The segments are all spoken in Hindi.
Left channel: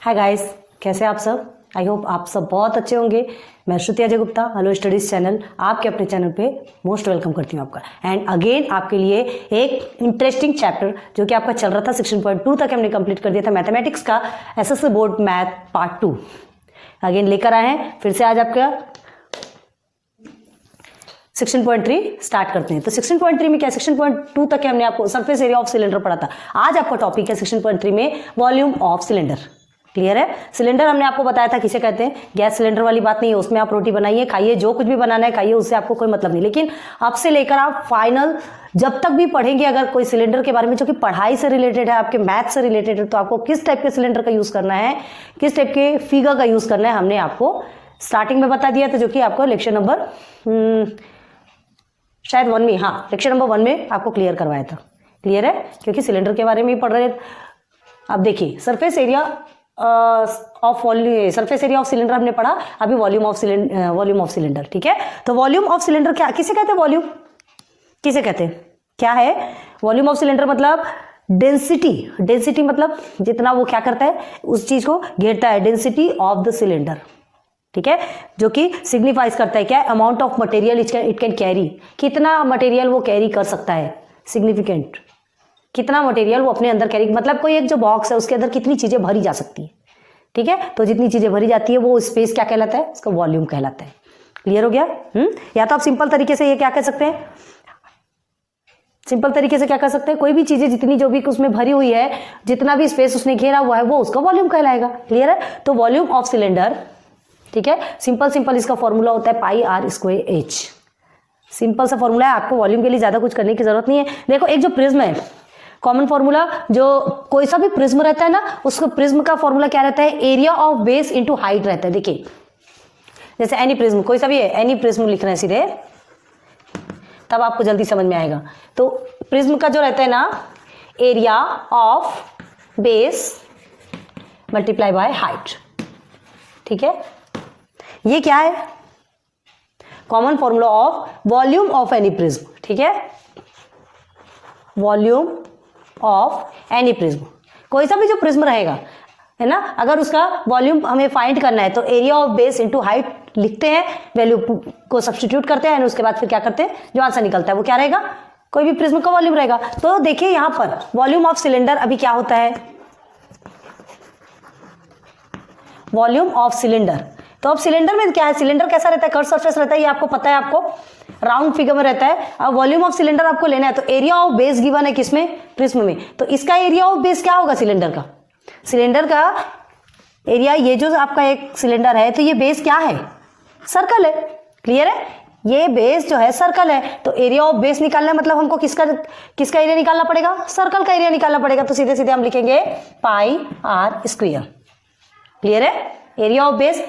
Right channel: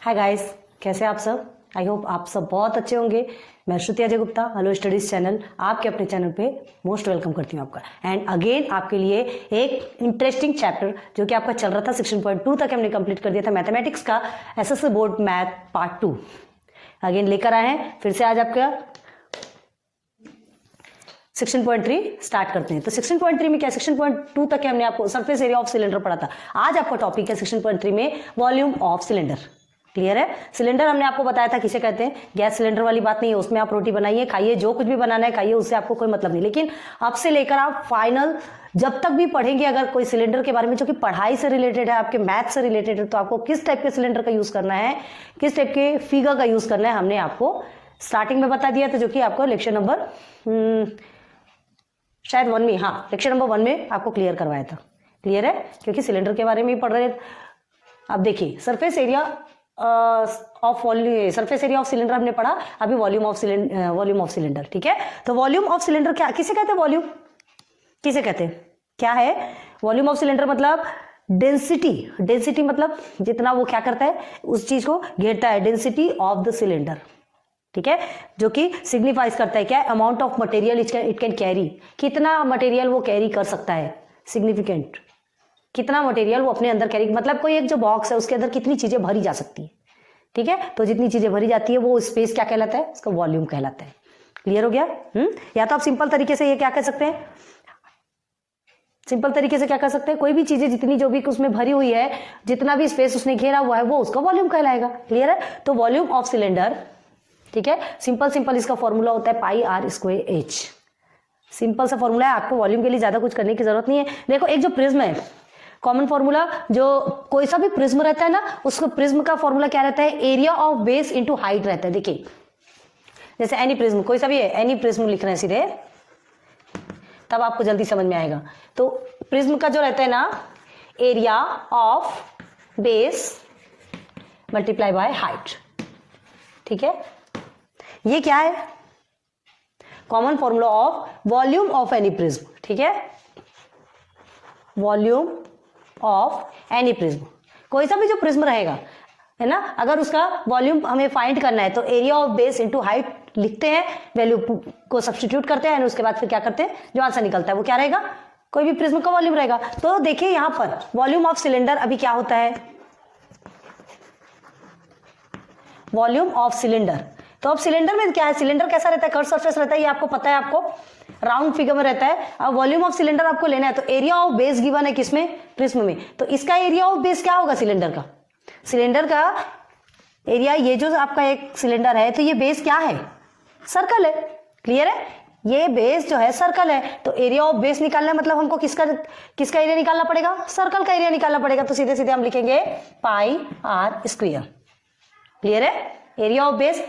हाय गाइस, कैसे आप सब। आई होप आप सब बहुत अच्छे होंगे। मैं Shruti Ajay Gupta, hello studies channel, आपके अपने चैनल पे मोस्ट वेलकम करती हूँ आपका। एंड अगेन आपके लिए एक इंटरेस्टिंग चैप्टर जो कि आपका चल रहा था 16.2 तक हमने कंप्लीट कर दिया था, मैथमेटिक्स का SSC board math part 2 again लेकर आए हैं। फिर से आज आपका 16.3 स्टार्ट करते हैं। तो 16.3 में क्या, 16.2 तक हमने आपको सरफेस एरिया ऑफ सिलेंडर पढ़ा था। आज आपका टॉपिक है 16.3 में वॉल्यूम ऑफ सिलेंडर। क्लियर है। सिलेंडर हमने आपको बताया था किसे कहते हैं। गैस सिलेंडर वाली बात नहीं है, उसमें आप रोटी बनाइए, खाइए, जो कुछ भी बनाना है खाइए, उससे आपको कोई मतलब नहीं। लेकिन अब से लेकर आप फाइनल जब तक भी पढ़ेंगे अगर कोई सिलेंडर के बारे में जो कि पढ़ाई से रिलेटेड है, आपके मैथ से रिलेटेड है, तो आपको किस टाइप के सिलेंडर का यूज करना है, किस टाइप के फिगर का यूज करना है, हमने आपको स्टार्टिंग में बता दिया था, जो कि आपको लेक्चर नंबर शायद 1 में, हाँ लेक्चर नंबर 1 में आपको क्लियर करवाया था। क्लियर है, क्योंकि सिलेंडर के बारे में ही पढ़ रहे। अब देखिए surface area of volume, surface area of cylinder हमने पढ़ा, अभी वॉल्यूम ऑफ सिलेंडर। ठीक है, तो वॉल्यूम ऑफ सिलेंडर क्या किसे कहते हैं, वॉल्यूम किसे कहते हैं, क्या है वॉल्यूम ऑफ सिलेंडर? मतलब डेंसिटी मतलब जितना वो क्या करता है, उस चीज को घेरता है, डेंसिटी ऑफ द सिलेंडर। ठीक है, जो कि सिग्निफाइज करता है क्या, amount of material it can carry, कितना मटेरियल वो कैरी कर सकता है, सिग्निफिकेंट, कितना मटेरियल वो अपने अंदर कैरी, मतलब कोई एक जो बॉक्स है उसके अंदर कितनी चीजें भरी जा सकती है। ठीक है, तो जितनी चीजें भरी जाती है वो स्पेस क्या कहलाता है, उसका वॉल्यूम कहलाता है। क्लियर हो गया। या तो आप सिंपल तरीके से ये क्या कह सकते हैं, सिंपल तरीके से क्या कर सकते हैं, कोई भी चीजें जितनी जो भी उसमें भरी हुई है, जितना भी स्पेस उसने घेरा हुआ है वो उसका वॉल्यूम कहलाएगा। क्लियर है, तो वॉल्यूम ऑफ सिलेंडर, ठीक है, सिंपल इसका फॉर्मूला होता है pi are square H. Simple सा फॉर्मूला है, आपको वॉल्यूम के लिए ज्यादा कुछ करने की जरूरत नहीं है। देखो एक जो प्रिज्म है, कॉमन फॉर्मूला, जो कोई सा भी प्रिज्म रहता है ना, उसको प्रिज्म का फॉर्मूला क्या रहता है, area of base into height रहता है। देखिए जैसे एनी प्रिज्म, कोई सा भी है, एनी प्रिज्म लिखना है सीधे, तब आपको जल्दी समझ में आएगा। तो प्रिज्म का जो रहता है ना, area of base multiply by height. ठीक है, ये क्या है, common formula of volume of any prism. ठीक है, वॉल्यूम ऑफ एनी प्रिज्म, कोई सा भी जो प्रिज्म रहेगा, है ना, अगर उसका वॉल्यूम हमें फाइंड करना है तो area of base into height लिखते हैं, वैल्यू को सब्स्टिट्यूट करते हैं, उसके बाद फिर क्या करते हैं, जो आंसर निकलता है वो क्या रहेगा, कोई भी प्रिज्म का वॉल्यूम रहेगा। तो देखिए यहां पर वॉल्यूम ऑफ सिलेंडर अभी क्या होता है, वॉल्यूम ऑफ सिलेंडर। तो अब सिलेंडर में क्या है, सिलेंडर कैसा रहता है, कर्व सरफेस रहता है, ये आपको पता है, आपको राउंड फिगर में रहता है। अब वॉल्यूम ऑफ सिलेंडर आपको लेना है, तो एरिया ऑफ बेस गिवन है किसमें, प्रिज्म में, तो इसका एरिया ऑफ बेस क्या होगा, सिलेंडर का, सिलेंडर का एरिया, ये जो आपका एक सिलेंडर है, तो ये बेस क्या है, सर्कल है। क्लियर है, ये बेस जो है सर्कल है, तो एरिया ऑफ बेस निकालना मतलब हमको किसका एरिया निकालना पड़ेगा, सर्कल का एरिया निकालना पड़ेगा। तो सीधे सीधे हम लिखेंगे पाई आर स्क्वायर। क्लियर है, एरिया ऑफ बेस,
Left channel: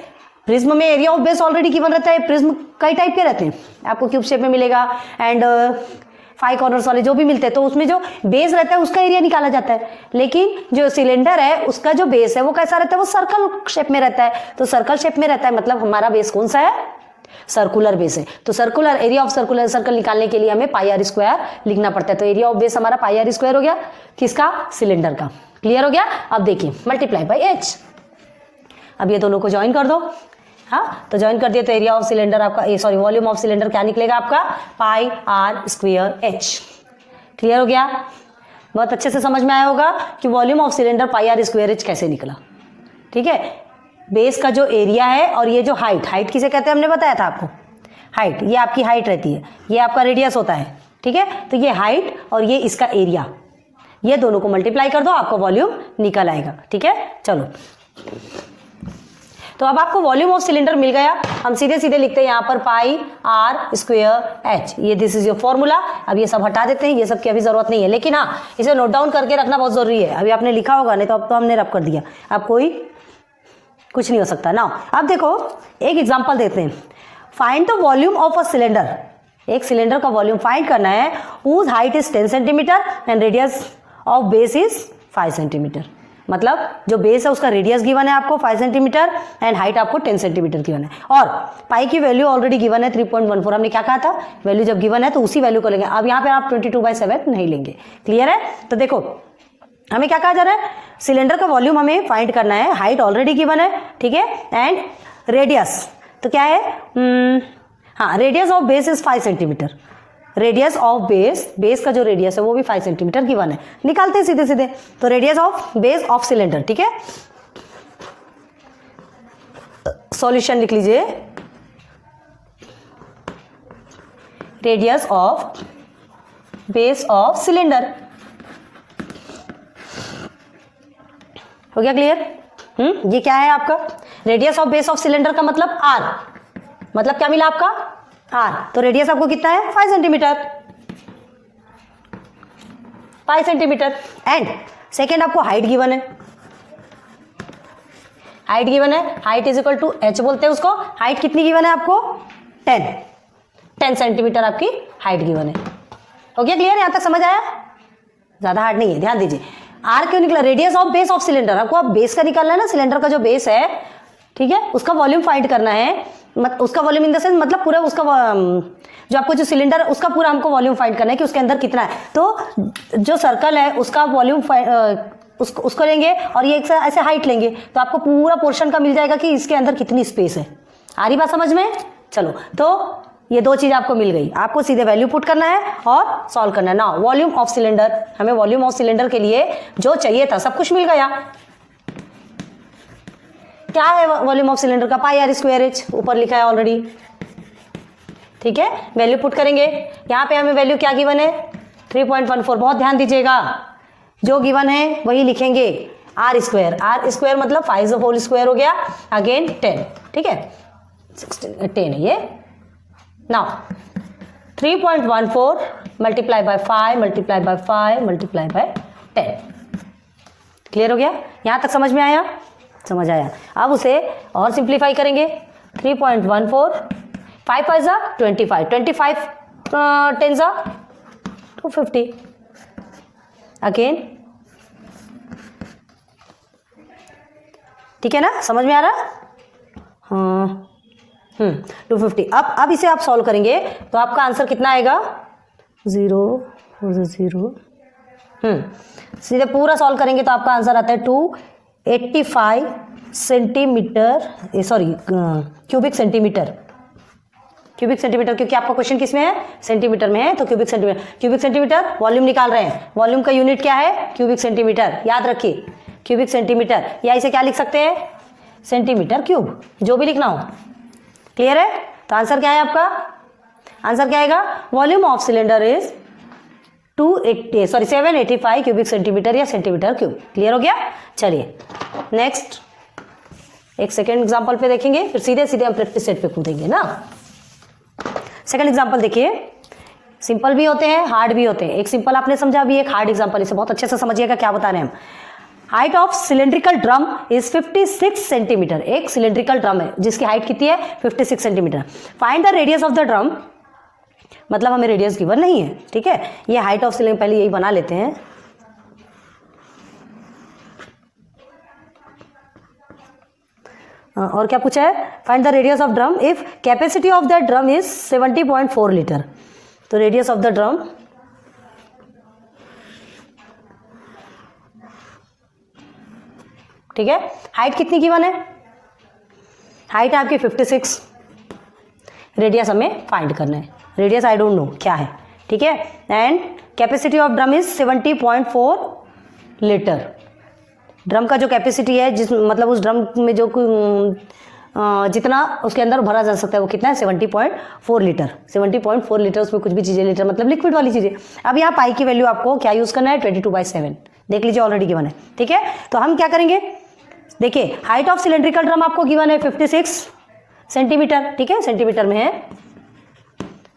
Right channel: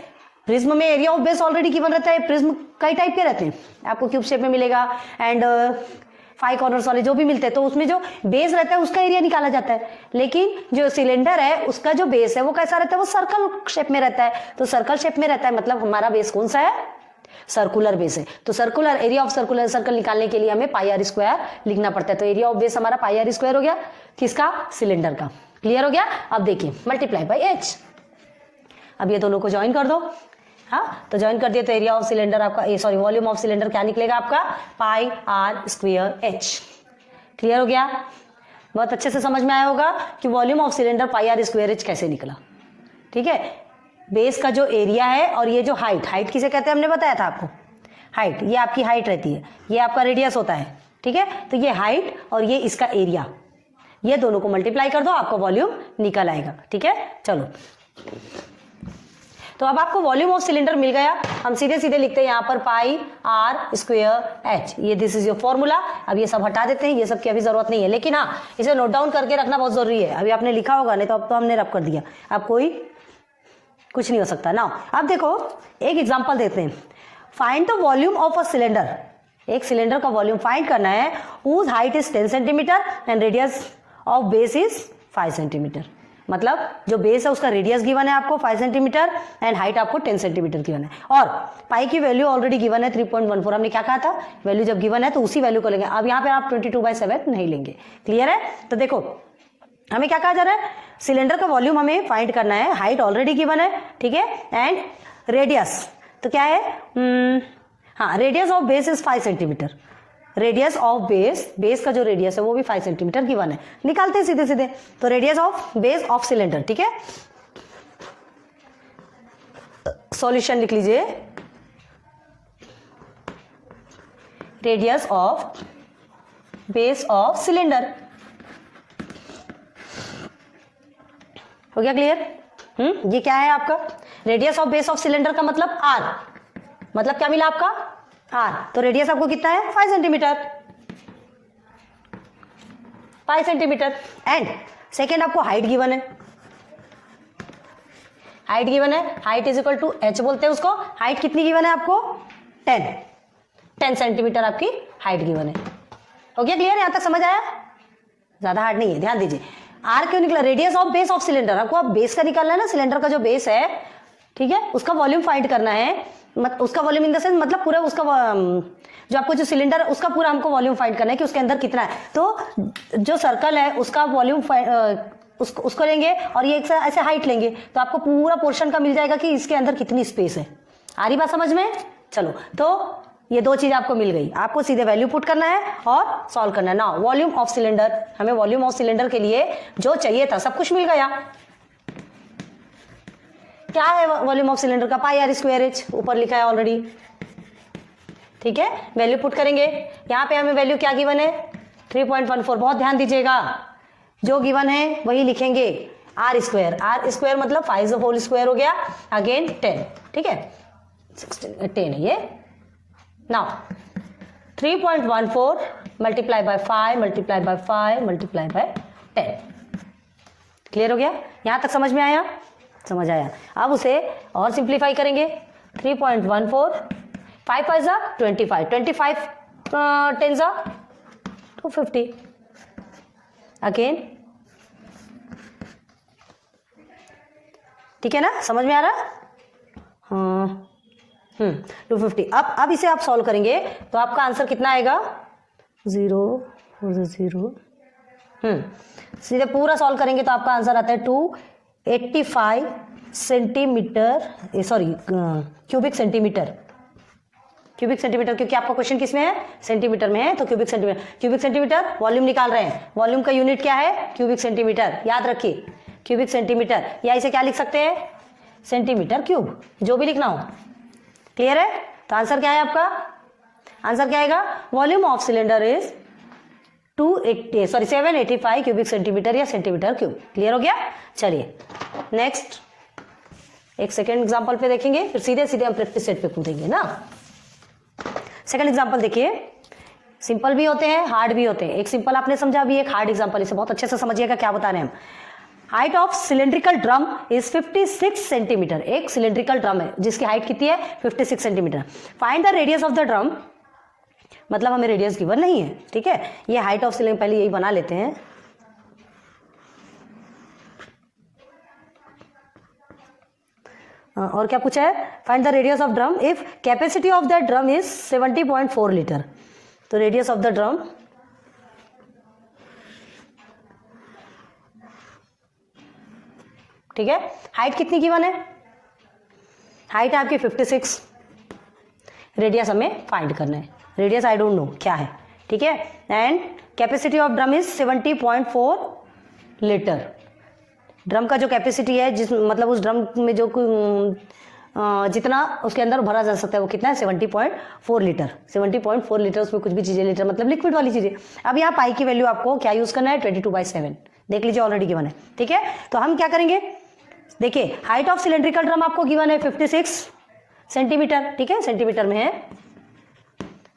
प्रिज्म में area of base already given रहता है। प्रिज्म कई टाइप के रहते हैं, आपको क्यूब शेप में मिलेगा एंड 5 कॉर्नर्स वाले जो भी मिलते हैं, तो उसमें जो बेस रहता है उसका एरिया निकाला जाता है। लेकिन जो सिलेंडर है उसका जो बेस है वो कैसा रहता है, वो सर्कल शेप में रहता है। तो सर्कल शेप में रहता है मतलब हमारा बेस कौन सा है, सर्कुलर बेस है। तो circular area of circular circle निकालने के लिए हमें पाई आर स्क्वायर लिखना पड़ता है। तो एरिया ऑफ बेस हमारा पाई आर स्क्वायर हो गया, किसका, सिलेंडर का। क्लियर हो गया। अब देखिए मल्टीप्लाई बाई एच, अब ये दोनों को ज्वाइन कर दो। हाँ, तो ज्वाइन कर दिए तो एरिया ऑफ सिलेंडर आपका, सॉरी वॉल्यूम ऑफ सिलेंडर क्या निकलेगा आपका, पाई आर स्क्वायर एच। क्लियर हो गया, बहुत अच्छे से समझ में आया होगा कि volume of cylinder pi are square h कैसे निकला। ठीक है, बेस का जो एरिया है और ये जो हाइट किसे कहते हैं हमने बताया था आपको, हाइट, ये आपकी हाइट रहती है, ये आपका रेडियस होता है। ठीक है, तो ये हाइट और ये इसका एरिया, ये दोनों को मल्टीप्लाई कर दो, आपका वॉल्यूम निकल आएगा। ठीक है, चलो, तो अब आपको वॉल्यूम ऑफ सिलेंडर मिल गया। हम सीधे सीधे लिखते हैं यहाँ पर पाई आर स्क्वायर एच, ये दिस इज योर फॉर्मूला। अब ये सब हटा देते हैं, ये सब की अभी जरूरत नहीं है, लेकिन हाँ इसे नोट डाउन करके रखना बहुत जरूरी है। अभी आपने लिखा होगा, नहीं तो अब तो हमने रब कर दिया, अब कोई कुछ नहीं हो सकता ना। अब देखो एक एग्जाम्पल देते हैं, find the volume of a cylinder, एक सिलेंडर का वॉल्यूम फाइंड करना है, whose height is 10 centimetre and radius of base is 5 centimetre. मतलब जो बेस है उसका रेडियस गिवन है आपको 5 सेंटीमीटर एंड हाइट आपको 10 सेंटीमीटर गिवन है, और पाई की वैल्यू ऑलरेडी गिवन है 3.14। हमने क्या कहा था, वैल्यू जब गिवन है तो उसी वैल्यू को लेंगे। अब यहाँ पे आप 22/7 नहीं लेंगे। क्लियर है, तो देखो हमें क्या कहा जा रहा है, सिलेंडर का वॉल्यूम हमें फाइंड करना है, हाइट ऑलरेडी गिवन है, ठीक है, एंड रेडियस तो क्या है, हाँ radius of base is 5 centimetre, radius of base का जो रेडियस है वो भी 5 सेंटीमीटर गिवन है, निकालते हैं सीधे सीधे। तो radius of base of cylinder, ठीक है, सॉल्यूशन लिख लीजिए, radius of base of cylinder, हो गया क्लियर। ये क्या है आपका, radius of base of cylinder का मतलब आर, मतलब क्या मिला आपका आर, तो रेडियस आपको कितना है 5 सेंटीमीटर, 5 सेंटीमीटर। एंड सेकेंड आपको हाइट गिवन है, हाइट गिवन है, height is equal to h बोलते हैं उसको, हाइट कितनी गिवन है आपको 10 सेंटीमीटर आपकी हाइट गिवन है। हो गया क्लियर, यहां तक समझ आया, ज्यादा हार्ड नहीं है, ध्यान दीजिए। आर क्यों निकला, radius of base of cylinder, आपको अब बेस का निकालना है ना, सिलेंडर का जो बेस है, ठीक है, उसका वॉल्यूम फाइंड करना है, उसका वॉल्यूम इन द सेंस मतलब पूरा उसका जो आपको जो सिलेंडर है उसका पूरा हमको वॉल्यूम फाइंड करना है कि उसके अंदर कितना है। तो जो सर्कल है उसका वॉल्यूम उसको लेंगे और ये ऐसे हाइट लेंगे, तो आपको पूरा पोर्शन का मिल जाएगा कि इसके अंदर कितनी स्पेस है। आ रही बात समझ में, चलो तो ये दो चीज आपको मिल गई, आपको सीधे वैल्यू पुट करना है और सॉल्व करना है ना। वॉल्यूम ऑफ सिलेंडर, हमें वॉल्यूम ऑफ सिलेंडर के लिए जो चाहिए था सब कुछ मिल गया। क्या है वॉल्यूम ऑफ सिलेंडर का, पाई आर स्क्वायर एच, ऊपर लिखा है ऑलरेडी, ठीक है। वैल्यू पुट करेंगे, यहाँ पे हमें वैल्यू क्या गिवन है 3.14, बहुत ध्यान दीजिएगा, जो गिवन है वही लिखेंगे, आर स्क्वायर मतलब 5 होल स्क्वायर हो गया, अगेन 10, ठीक है, 10 है ये। Now 3.14 multiply by 5 multiply by 5 multiply by 10, clear हो गया, यहां तक समझ में आया, समझ आया। अब उसे और सिंप्लीफाई करेंगे, 3.14 5 5 जा 25 25 10 जा 250, अगेन, ठीक है ना, समझ में आ रहा है, हाँ 250। अब इसे आप सॉल्व करेंगे तो आपका आंसर कितना आएगा 0 सीधे पूरा सॉल्व करेंगे तो आपका आंसर आता है 285 सेंटीमीटर, सॉरी क्यूबिक सेंटीमीटर, क्योंकि आपका क्वेश्चन किस में है, सेंटीमीटर में है, तो क्यूबिक सेंटीमीटर वॉल्यूम निकाल रहे हैं, वॉल्यूम का यूनिट क्या है क्यूबिक सेंटीमीटर, याद रखिए क्यूबिक सेंटीमीटर, या इसे क्या लिख सकते हैं सेंटीमीटर क्यूब, जो भी लिखना हो, क्लियर है। तो आंसर क्या है आपका, आंसर क्या आएगा, volume of cylinder is 785 cubic centimetre या सेंटीमीटर क्यूब, क्लियर हो गया। चलिए नेक्स्ट एक सेकेंड एग्जांपल पे देखेंगे, फिर सीधे सीधे हम प्रैक्टिस सेट पे कूदेंगे ना। सेकंड एग्जांपल देखिए, सिंपल भी होते हैं हार्ड भी होते हैं, एक सिंपल आपने समझा, अभी एक हार्ड एग्जांपल, इसे बहुत अच्छे से समझिएगा क्या बता रहे हैं हम। Height of cylindrical drum is 56 centimetre, एक सिलेंड्रिकल ड्रम है जिसकी हाइट कितनी है 56 centimetre, find the radius of the drum, मतलब हमें रेडियस गिवन नहीं है, ठीक है, ये हाइट ऑफ सिलेंडर, पहले यही बना लेते हैं, और क्या पूछा है, find the radius of drum if capacity of the drum is 70.4 litre, तो रेडियस ऑफ द ड्रम, ठीक है, हाइट कितनी गिवन है, हाइट है आपकी 56, रेडियस हमें फाइंड करना है, रेडियस आई डोंट नो क्या है, ठीक है, and capacity of drum is 70.4 litre, drum का जो कैपेसिटी है, जिस मतलब उस ड्रम में जो जितना उसके अंदर भरा जा सकता है वो कितना है 70.4 लीटर, 70.4 लीटर, उसमें कुछ भी चीजें, लीटर मतलब लिक्विड वाली चीजें। अब यहाँ पाई की वैल्यू आपको क्या यूज करना है 22/7, देख लीजिए ऑलरेडी गिवन है, ठीक है। तो हम क्या करेंगे, देखिए हाइट ऑफ सिलेंड्रिकल ड्रम आपको गिवन है 56 सेंटीमीटर, ठीक है, सेंटीमीटर में है,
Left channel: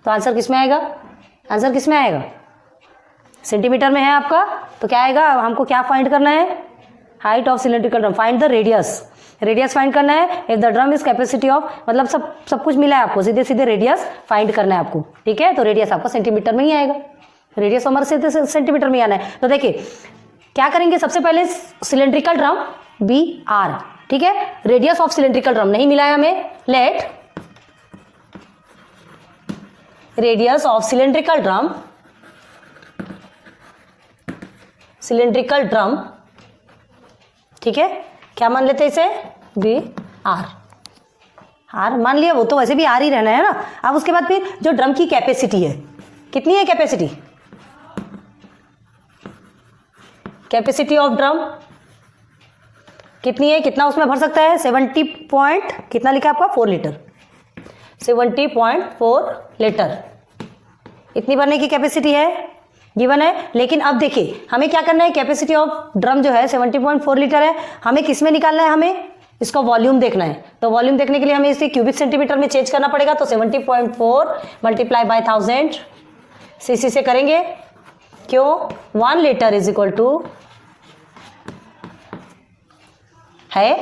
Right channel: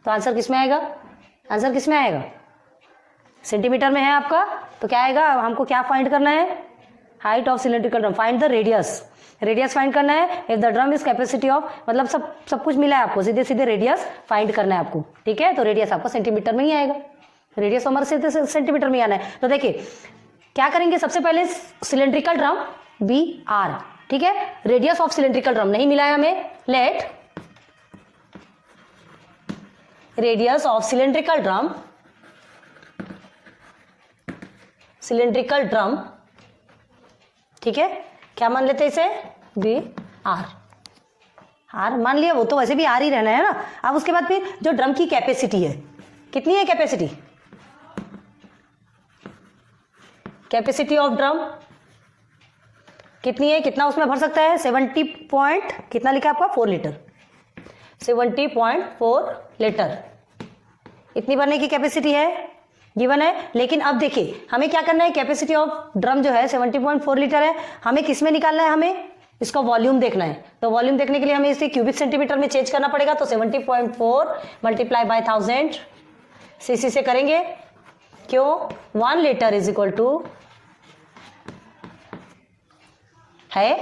तो आंसर किस में आएगा, आंसर किस में आएगा, सेंटीमीटर में है आपका, तो क्या आएगा, हमको क्या फाइंड करना है, height of cylindrical drum, find the radius, radius find करना है, if the drum is capacity of, मतलब सब कुछ मिला है आपको, सीधे सीधे रेडियस फाइंड करना है आपको, ठीक है, तो रेडियस आपका सेंटीमीटर में ही आएगा, रेडियस हमारे सीधे सेंटीमीटर में आना है। तो देखिए क्या करेंगे, सबसे पहले सिलेंड्रिकल ड्रम बी आर, ठीक है, रेडियस ऑफ सिलेंड्रिकल ड्रम नहीं मिला है हमें, let radius of cylindrical drum cylindrical drum, ठीक है, क्या मान लेते हैं इसे, बी आर, आर मान लिया, वो तो वैसे भी आर ही रहना है ना। अब उसके बाद फिर जो ड्रम की कैपेसिटी है, कितनी है कैपेसिटी, कैपेसिटी ऑफ ड्रम कितनी है, कितना उसमें भर सकता है, 70 पॉइंट कितना लिखा है आपका, 4 लीटर, 70.4 लीटर, इतनी भरने की कैपेसिटी है, गिवन है। लेकिन अब देखिए हमें क्या करना है, कैपेसिटी ऑफ ड्रम जो है 70.4 लीटर है, हमें किस में निकालना है, हमें इसका वॉल्यूम देखना है। तो वॉल्यूम देखने के लिए हमें इसे क्यूबिक सेंटीमीटर में चेंज करना पड़ेगा। तो 70.4 मल्टीप्लाई बाय 1000 सीसी से करेंगे, क्यों, 1 लीटर इज इक्वल टू है,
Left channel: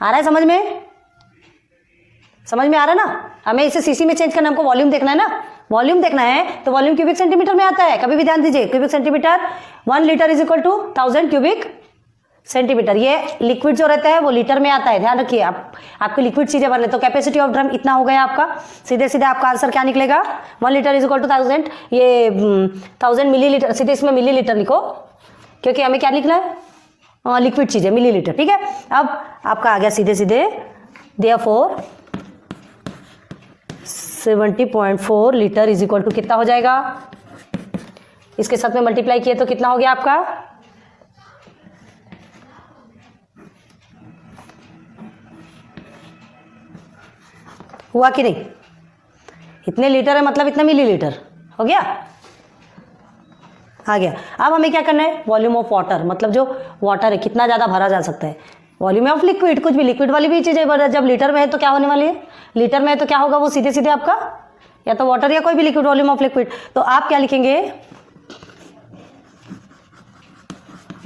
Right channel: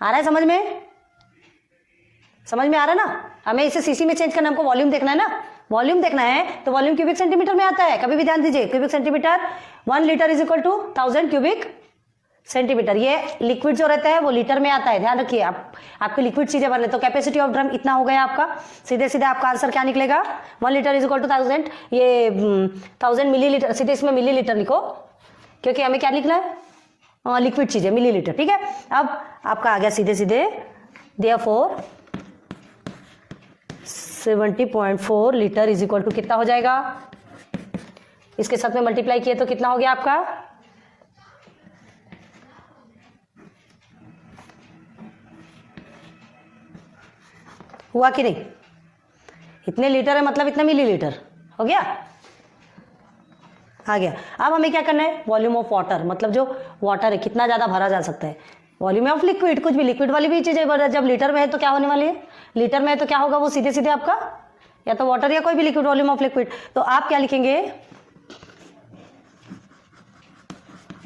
आ रहा है समझ में, समझ में आ रहा है ना। हमें इसे सीसी में चेंज करना, हमको वॉल्यूम देखना है ना, वॉल्यूम देखना है तो वॉल्यूम क्यूबिक सेंटीमीटर में आता है, कभी भी ध्यान दीजिए, cubic centimetre, 1 litre is equal to 1000 cubic centimetre. ये लिक्विड जो रहता है वो लीटर में आता है, ध्यान रखिए आप, आपकी लिक्विड चीजें भर ले। तो कैपेसिटी ऑफ ड्रम इतना हो गया आपका, सीधे सीधे आपका आंसर क्या निकलेगा, 1 लीटर इज इक्वल टू 1000, ये 1000 मिलीलीटर, सीधे इसमें मिलीलीटर लिखो क्योंकि हमें क्या लिखना है, लिक्विड चीजें मिलीलीटर, ठीक है। अब आपका आ गया सीधे सीधे, therefore 70.4 litre is equal to कितना हो जाएगा, इसके साथ में मल्टीप्लाई किए तो कितना हो गया आपका, हुआ कि नहीं, इतने लीटर है मतलब इतना मिलीलीटर हो गया, आ गया। अब हमें क्या करना है, वॉल्यूम ऑफ वाटर, मतलब जो वाटर है कितना ज़्यादा भरा जा सकता है, वॉल्यूम ऑफ लिक्विड, कुछ भी लिक्विड वाली भी चीज़ें जब लीटर में है तो क्या होने वाली है, लीटर में है तो क्या होगा, वो सीधे सीधे आपका या तो वाटर या कोई भी लिक्विड, वॉल्यूम ऑफ लिक्विड। तो आप क्या लिखेंगे,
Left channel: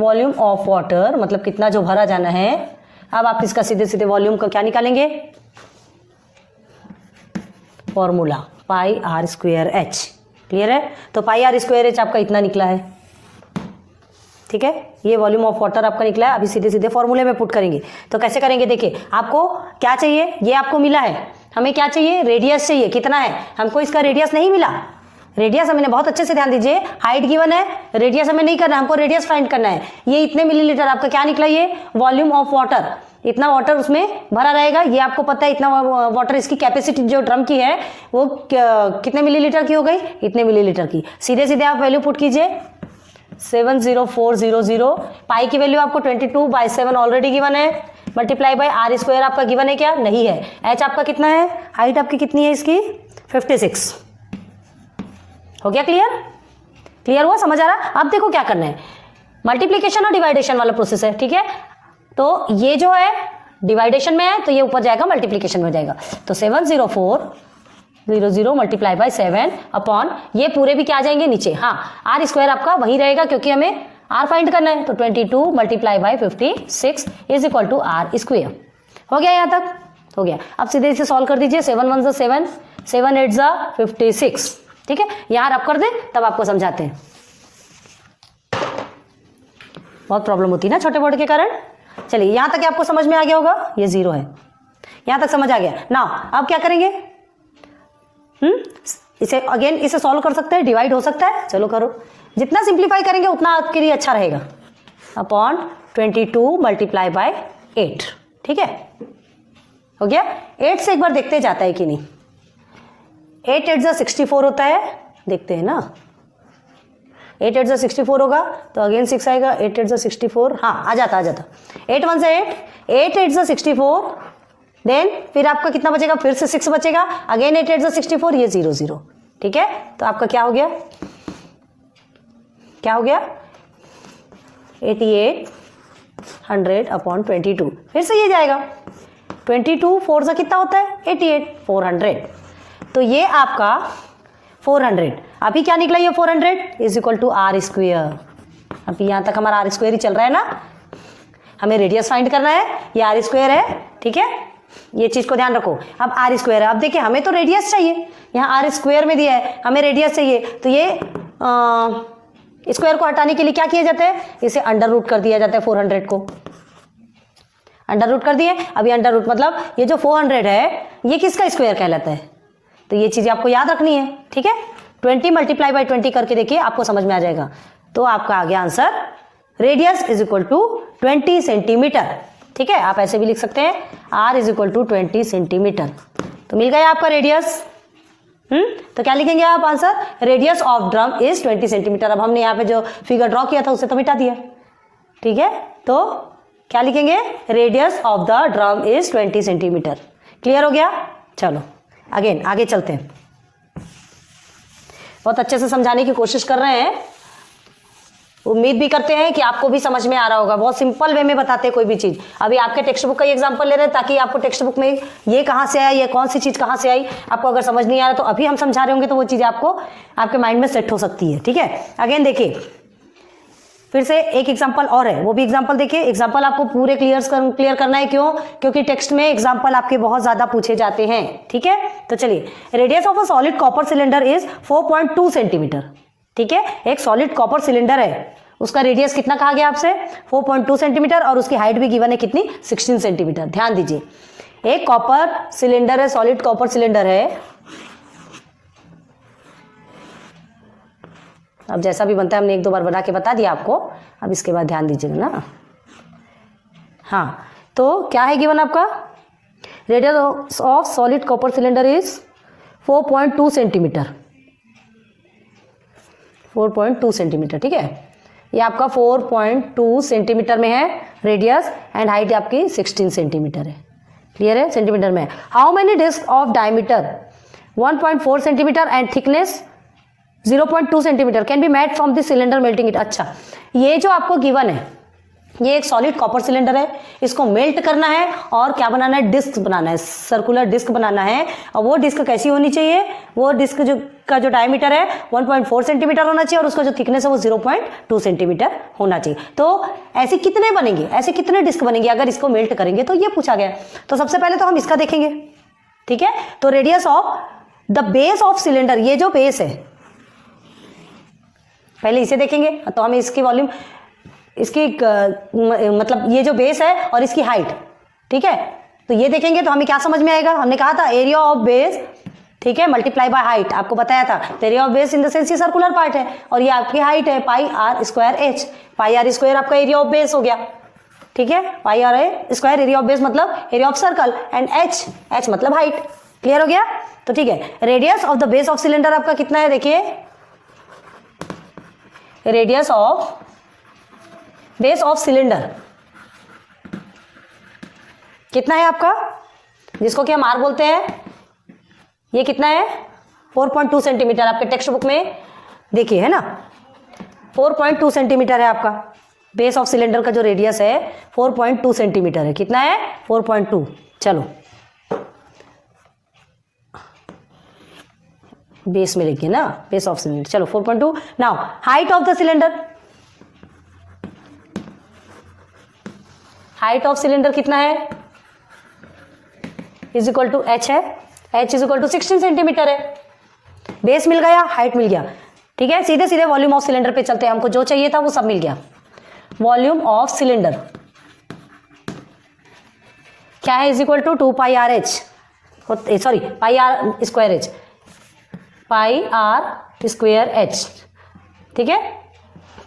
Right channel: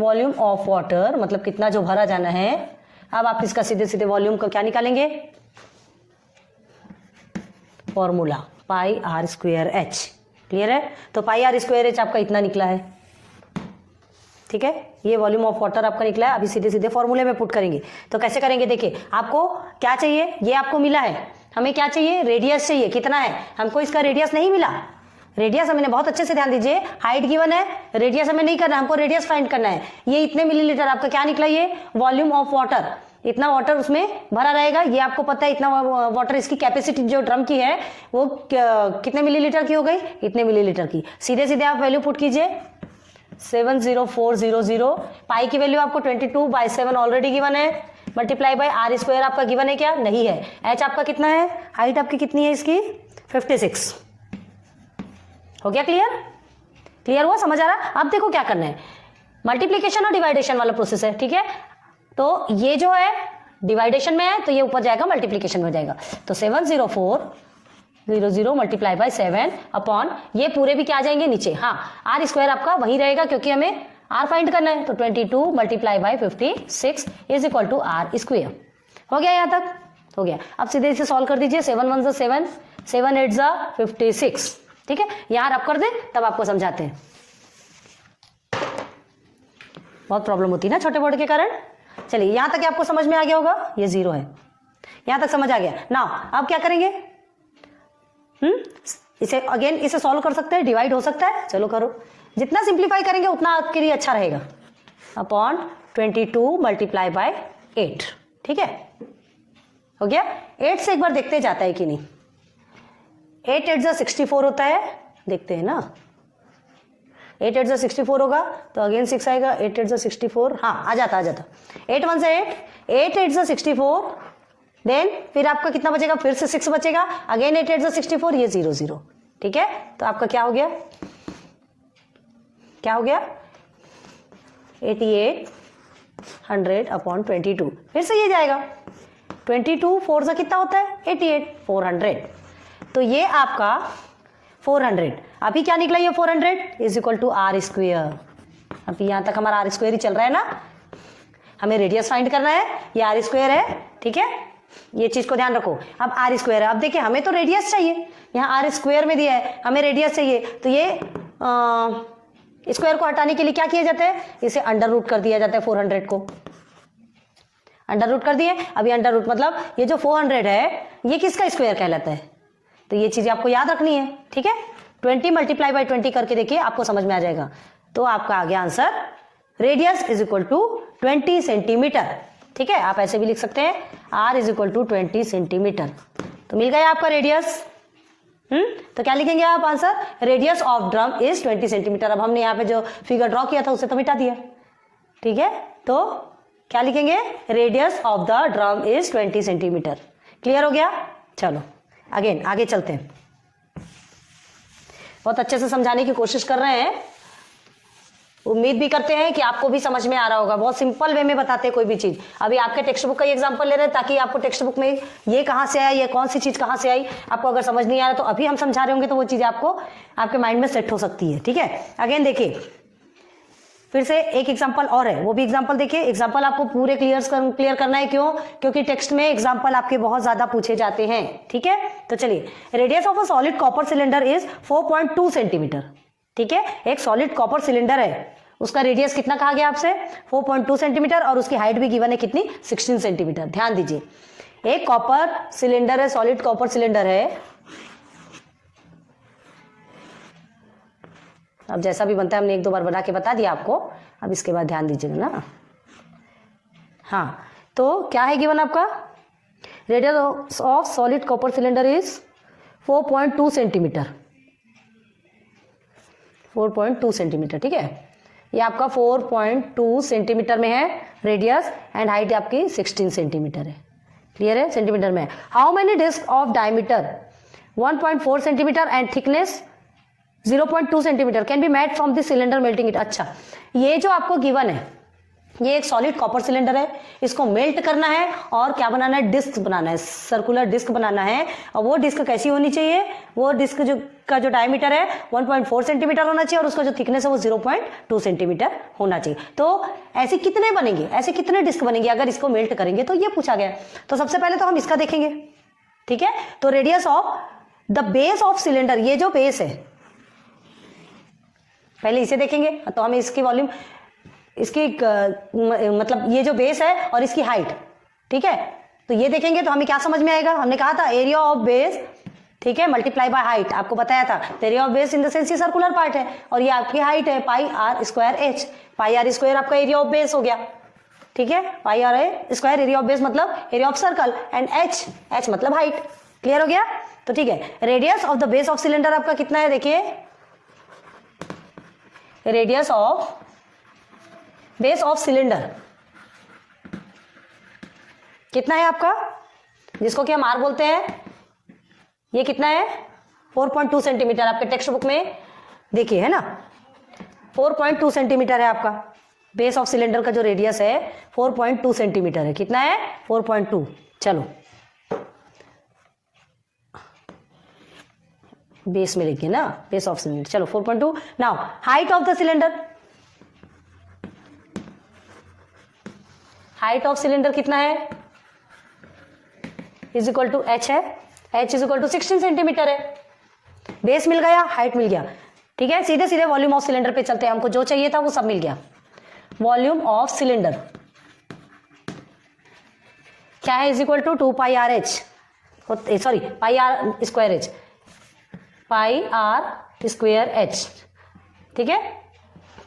वॉल्यूम ऑफ वाटर, मतलब कितना जो भरा जाना है। अब आप इसका सीधे सीधे वॉल्यूम को क्या निकालेंगे, formula pi are square h, clear है। तो पाई आर स्क्वायर एच आपका इतना निकला है, ठीक है, ये वॉल्यूम ऑफ वाटर आपका निकला है। अभी सीधे सीधे फॉर्मूले में पुट करेंगे, तो कैसे करेंगे, देखिए आपको क्या चाहिए, ये आपको मिला है, हमें क्या चाहिए, रेडियस चाहिए, कितना है, हमको इसका रेडियस नहीं मिला, रेडियस हमें बहुत अच्छे से ध्यान दीजिए, हाइट गिवन है, रेडियस हमें नहीं करना, हमको रेडियस फाइंड करना है। ये इतने मिलीलीटर आपका क्या निकला, ये वॉल्यूम ऑफ वाटर, इतना वाटर उसमें भरा रहेगा, ये आपको पता है, इतना वाटर, इसकी कैपेसिटी जो ड्रम की है वो कितने मिलीलीटर की हो गई, इतने मिलीलीटर की। सीधे सीधे आप वैल्यू पुट कीजिए, 70400, पाई की वैल्यू आपको 22/7 ऑलरेडी गिवन है, मल्टीप्लाई बाय आर स्क्वायर आपका गिवन है क्या, नहीं है। एच आपका कितना है, हाइट आपकी कितनी है इसकी, 56, हो गया क्लियर, क्लियर हुआ, समझ आ रहा। अब देखो क्या करना है, मल्टीप्लीकेशन और डिवाइडेशन वाला प्रोसेस है, ठीक है। तो ये जो है डिवाइडेशन में है तो ये ऊपर जाएगा, मल्टीप्लीकेशन में जाएगा। तो 70400 मल्टीप्लाई बाय 7 अपॉन, ये पूरे भी क्या आ जाएंगे नीचे, हाँ, आर स्क्वायर आपका वही रहेगा क्योंकि हमें आर फाइंड करना है। तो 22 multiply by 56 is equal to r square, हो गया, यहाँ तक हो गया। अब सीधे इसे सॉल्व कर दीजिए, 7 1 ज़ा 7, 7 8 ज़ा 56, ठीक है, यहाँ रब कर दे तब आपको समझाते हैं, बहुत प्रॉब्लम होती है ना छोटे बोर्ड के कारण। चलिए यहां तक आपको समझ में आ गया होगा, ये 0 है, यहां तक समझ आ गया ना। अब क्या करेंगे, इसे अगेन इसे सॉल्व कर सकते हैं, डिवाइड हो सकता है, चलो करो, जितना सिंप्लीफाई करेंगे उतना आपके लिए अच्छा रहेगा। अपॉन 22 मल्टीप्लाई बाय 8, ठीक है, हो गया। 8 से एक बार देखते जाता है कि नहीं, 8 8 ज़ा 64 होता है, देखते हैं ना, 8 8 ज़ा 64 होगा तो अगेन 6 आएगा, 8 8 ज़ा 64, हाँ आ जाता 8 1 से 8, 8 8 ज़ा 64, देन फिर आपका कितना बचेगा, फिर से 6 बचेगा, अगेन 8 8 ज़ा 64, ये 0 0, ठीक है। तो आपका क्या हो गया, क्या हो गया, 8800 अपॉन 22, फिर से ये जाएगा, 22 4 ज़ा कितना होता है, 88, 400, तो ये आपका 400, अभी क्या निकला, ये 400 is equal to r square. अभी यहाँ तक हमारा आर स्क्वायर ही चल रहा है ना, हमें रेडियस फाइंड करना है, ये आर स्क्वायर है, ठीक है, ये चीज को ध्यान रखो। अब आर स्क्वायर है, अब देखिए हमें तो रेडियस चाहिए, यहाँ आर स्क्वायर में दिया है, हमें रेडियस चाहिए, तो ये स्क्वायर को हटाने के लिए क्या किया जाता है, इसे अंडर रूट कर दिया जाता है, 400 को अंडर रूट कर दिए। अभी अंडर रूट मतलब ये जो 400 है ये किसका स्क्वायर कहलाता है, तो ये चीजें आपको याद रखनी है, ठीक है। 20 मल्टीप्लाई बाय 20 करके देखिए, आपको समझ में आ जाएगा। तो आपका आ गया answer radius is equal to 20 centimetre. ठीक है, आप ऐसे भी लिख सकते हैं, r is equal to 20 centimetre. तो मिल गया आपका रेडियस। तो क्या लिखेंगे आप answer, radius of drum is 20 centimetre. अब हमने यहाँ पे जो फिगर ड्रॉ किया था उसे तो मिटा दिया। ठीक है, तो क्या लिखेंगे, radius of the drum is 20 centimetre. Clear हो गया। चलो अगेन आगे चलते हैं। बहुत अच्छे से समझाने की कोशिश कर रहे हैं, उम्मीद भी करते हैं कि आपको भी समझ में आ रहा होगा। बहुत सिंपल वे में बताते हैं कोई भी चीज। अभी आपके टेक्स्ट बुक का एग्जांपल ले रहे हैं ताकि आपको टेक्स्ट बुक में ये कहाँ से आया, ये कौन सी चीज कहाँ से आई, आपको अगर समझ नहीं आ रहा तो अभी हम समझा रहे होंगे तो वो चीज आपको आपके माइंड में सेट हो सकती है। ठीक है, अगेन देखिए फिर से एक एग्जाम्पल और है, वो भी एग्जाम्पल देखिए। एग्जाम्पल आपको पूरे क्लियर करना है, क्यों, क्योंकि टेक्स्ट में एग्जाम्पल आपके बहुत ज्यादा पूछे जाते हैं। ठीक है, तो चलिए, radius of a solid copper cylinder is 4.2 centimetre. ठीक है, एक सॉलिड कॉपर सिलेंडर है, उसका रेडियस कितना कहा गया आपसे, 4.2 सेंटीमीटर, और उसकी हाइट भी गिवन है कितनी, 16 सेंटीमीटर। ध्यान दीजिए, एक कॉपर सिलेंडर है, सॉलिड कॉपर सिलेंडर है। अब जैसा भी बनता है हमने एक दो बार बना के बता दिया आपको, अब इसके बाद ध्यान दीजिएगा ना। हाँ, तो क्या है गिवन आपका, radius of solid copper cylinder is 4.2 centimetre. 4.2 centimetre. ठीक है, ये आपका 4.2 सेंटीमीटर में है रेडियस, एंड हाइट आपकी 16 सेंटीमीटर है। क्लियर है, सेंटीमीटर में। How many disc of diameter 1.4 centimetre and thickness 0.2 centimetre can be made from this cylinder melting it. अच्छा, ये जो आपको गिवन है, ये एक सॉलिड कॉपर सिलेंडर है, इसको मेल्ट करना है और क्या बनाना है, डिस्क बनाना है, सर्कुलर डिस्क बनाना है। और वो डिस्क कैसी होनी चाहिए, वो डिस्क का जो डायमीटर है 1.4 सेंटीमीटर होना चाहिए, और उसका जो थिकनेस है वो 0.2 सेंटीमीटर होना चाहिए। तो ऐसे कितने बनेंगे, ऐसे कितने डिस्क बनेंगे अगर इसको मेल्ट करेंगे, तो ये पूछा गया। तो सबसे पहले तो हम इसका देखेंगे। ठीक है, तो radius of the base of cylinder, ये जो बेस है, पहले इसे देखेंगे। तो हम इसकी वॉल्यूम, इसकी मतलब ये जो बेस है और इसकी हाइट, ठीक है, तो ये देखेंगे तो हमें क्या समझ में आएगा। हमने कहा था एरिया ऑफ बेस, ठीक है, मल्टीप्लाई बाय हाइट, आपको बताया था। Area of base in the sense ये सर्कुलर पार्ट है और ये आपकी हाइट है, pi are square H. Pi are square आपका एरिया ऑफ बेस हो गया। ठीक है, pi are square area of base मतलब area of circle, and H मतलब हाइट। क्लियर हो गया। तो ठीक है, radius of the base of cylinder आपका कितना है, देखिए, radius of base of cylinder कितना है आपका, जिसको कि हम आर बोलते हैं, ये कितना है 4.2 सेंटीमीटर। आपके टेक्स्ट बुक में देखिए है ना, 4.2 सेंटीमीटर है आपका बेस ऑफ सिलेंडर का जो रेडियस है 4.2 सेंटीमीटर है। कितना है, 4.2। चलो बेस में लिखिए ना, बेस ऑफ सिलेंडर। चलो 4.2। Now height of the cylinder, height of cylinder कितना है, इज इक्वल टू एच है, h is equal to 16 centimetre है। बेस मिल गया, हाइट मिल गया। ठीक है, सीधे सीधे वॉल्यूम ऑफ सिलेंडर पे चलते हैं, हमको जो चाहिए था वो सब मिल गया। वॉल्यूम ऑफ सिलेंडर क्या है, is equal to 2 pi R H, sorry pi are square H, pi are square H. ठीक है,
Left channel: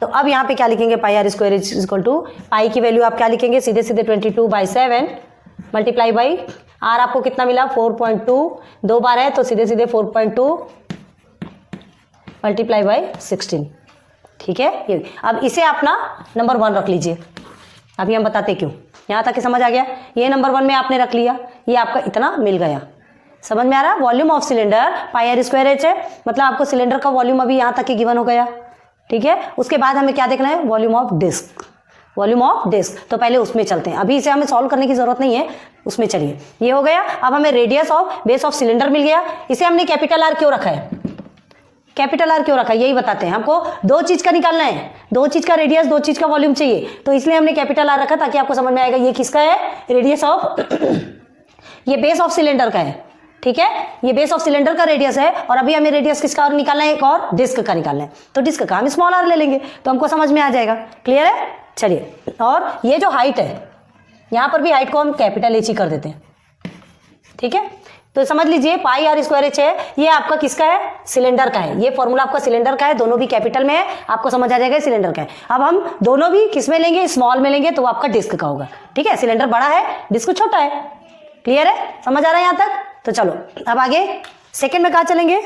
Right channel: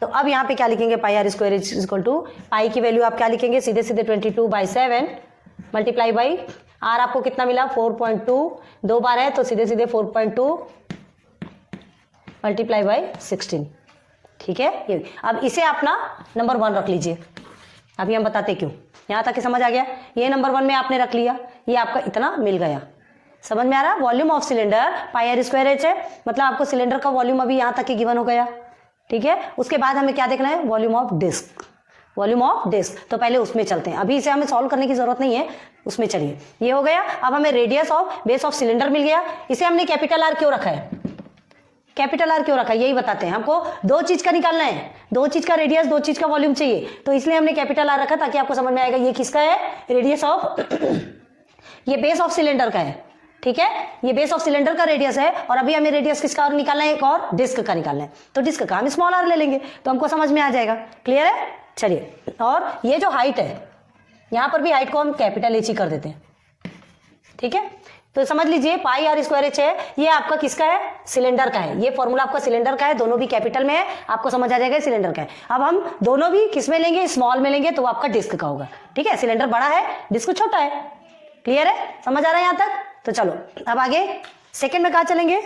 तो अब यहाँ पे क्या लिखेंगे, pi are square H is equal to, pi की वैल्यू आप क्या लिखेंगे, सीधे सीधे 22/7 मल्टीप्लाई बाई आर, आपको कितना मिला 4.2, 2 बार है तो सीधे सीधे 4.2 मल्टीप्लाई बाई 16। ठीक है, ये अब इसे आप ना नंबर 1 रख लीजिए। अभी हम बताते क्यों, यहाँ तक समझ आ गया। ये नंबर 1 में आपने रख लिया, ये आपका इतना मिल गया। समझ में आ रहा है, volume of cylinder pi are square h है, मतलब आपको सिलेंडर का वॉल्यूम अभी यहाँ तक ही गिवन हो गया। ठीक है, उसके बाद हमें क्या देखना है, volume of disc, volume of disc. तो पहले उसमें चलते हैं, अभी इसे हमें सॉल्व करने की जरूरत नहीं है, उसमें चलिए। ये हो गया। अब हमें radius of base of cylinder मिल गया। इसे हमने कैपिटल आर क्यों रखा है, कैपिटल आर क्यों रखा है, यही बताते हैं। हमको दो चीज का निकालना है, दो चीज का रेडियस, दो चीज का वॉल्यूम चाहिए, तो इसलिए हमने कैपिटल आर रखा ताकि आपको समझ में आएगा ये किसका है, रेडियस ऑफ ये बेस ऑफ सिलेंडर का है। ठीक है, ये बेस ऑफ सिलेंडर का रेडियस है, और अभी हमें रेडियस किसका और निकालना है, एक और डिस्क का निकालना है। तो डिस्क का हम स्मॉल आर ले लेंगे तो हमको समझ में आ जाएगा। क्लियर है, चलिए। और ये जो हाइट है, यहां पर भी हाइट को हम कैपिटल एच ही कर देते हैं। ठीक है, तो समझ लीजिए पाई आर स्क्वायर एच है, ये आपका किसका है, सिलेंडर का है। ये फॉर्मूला आपका सिलेंडर का है, दोनों भी कैपिटल में है, आपको समझ आ जाएगा सिलेंडर का है। अब हम दोनों भी किस में लेंगे, स्मॉल में लेंगे, तो वो आपका डिस्क का होगा। ठीक है, सिलेंडर बड़ा है, डिस्क छोटा है। क्लियर है, समझ आ रहा है यहाँ तक? तो चलो अब आगे सेकेंड में कहाँ चलेंगे,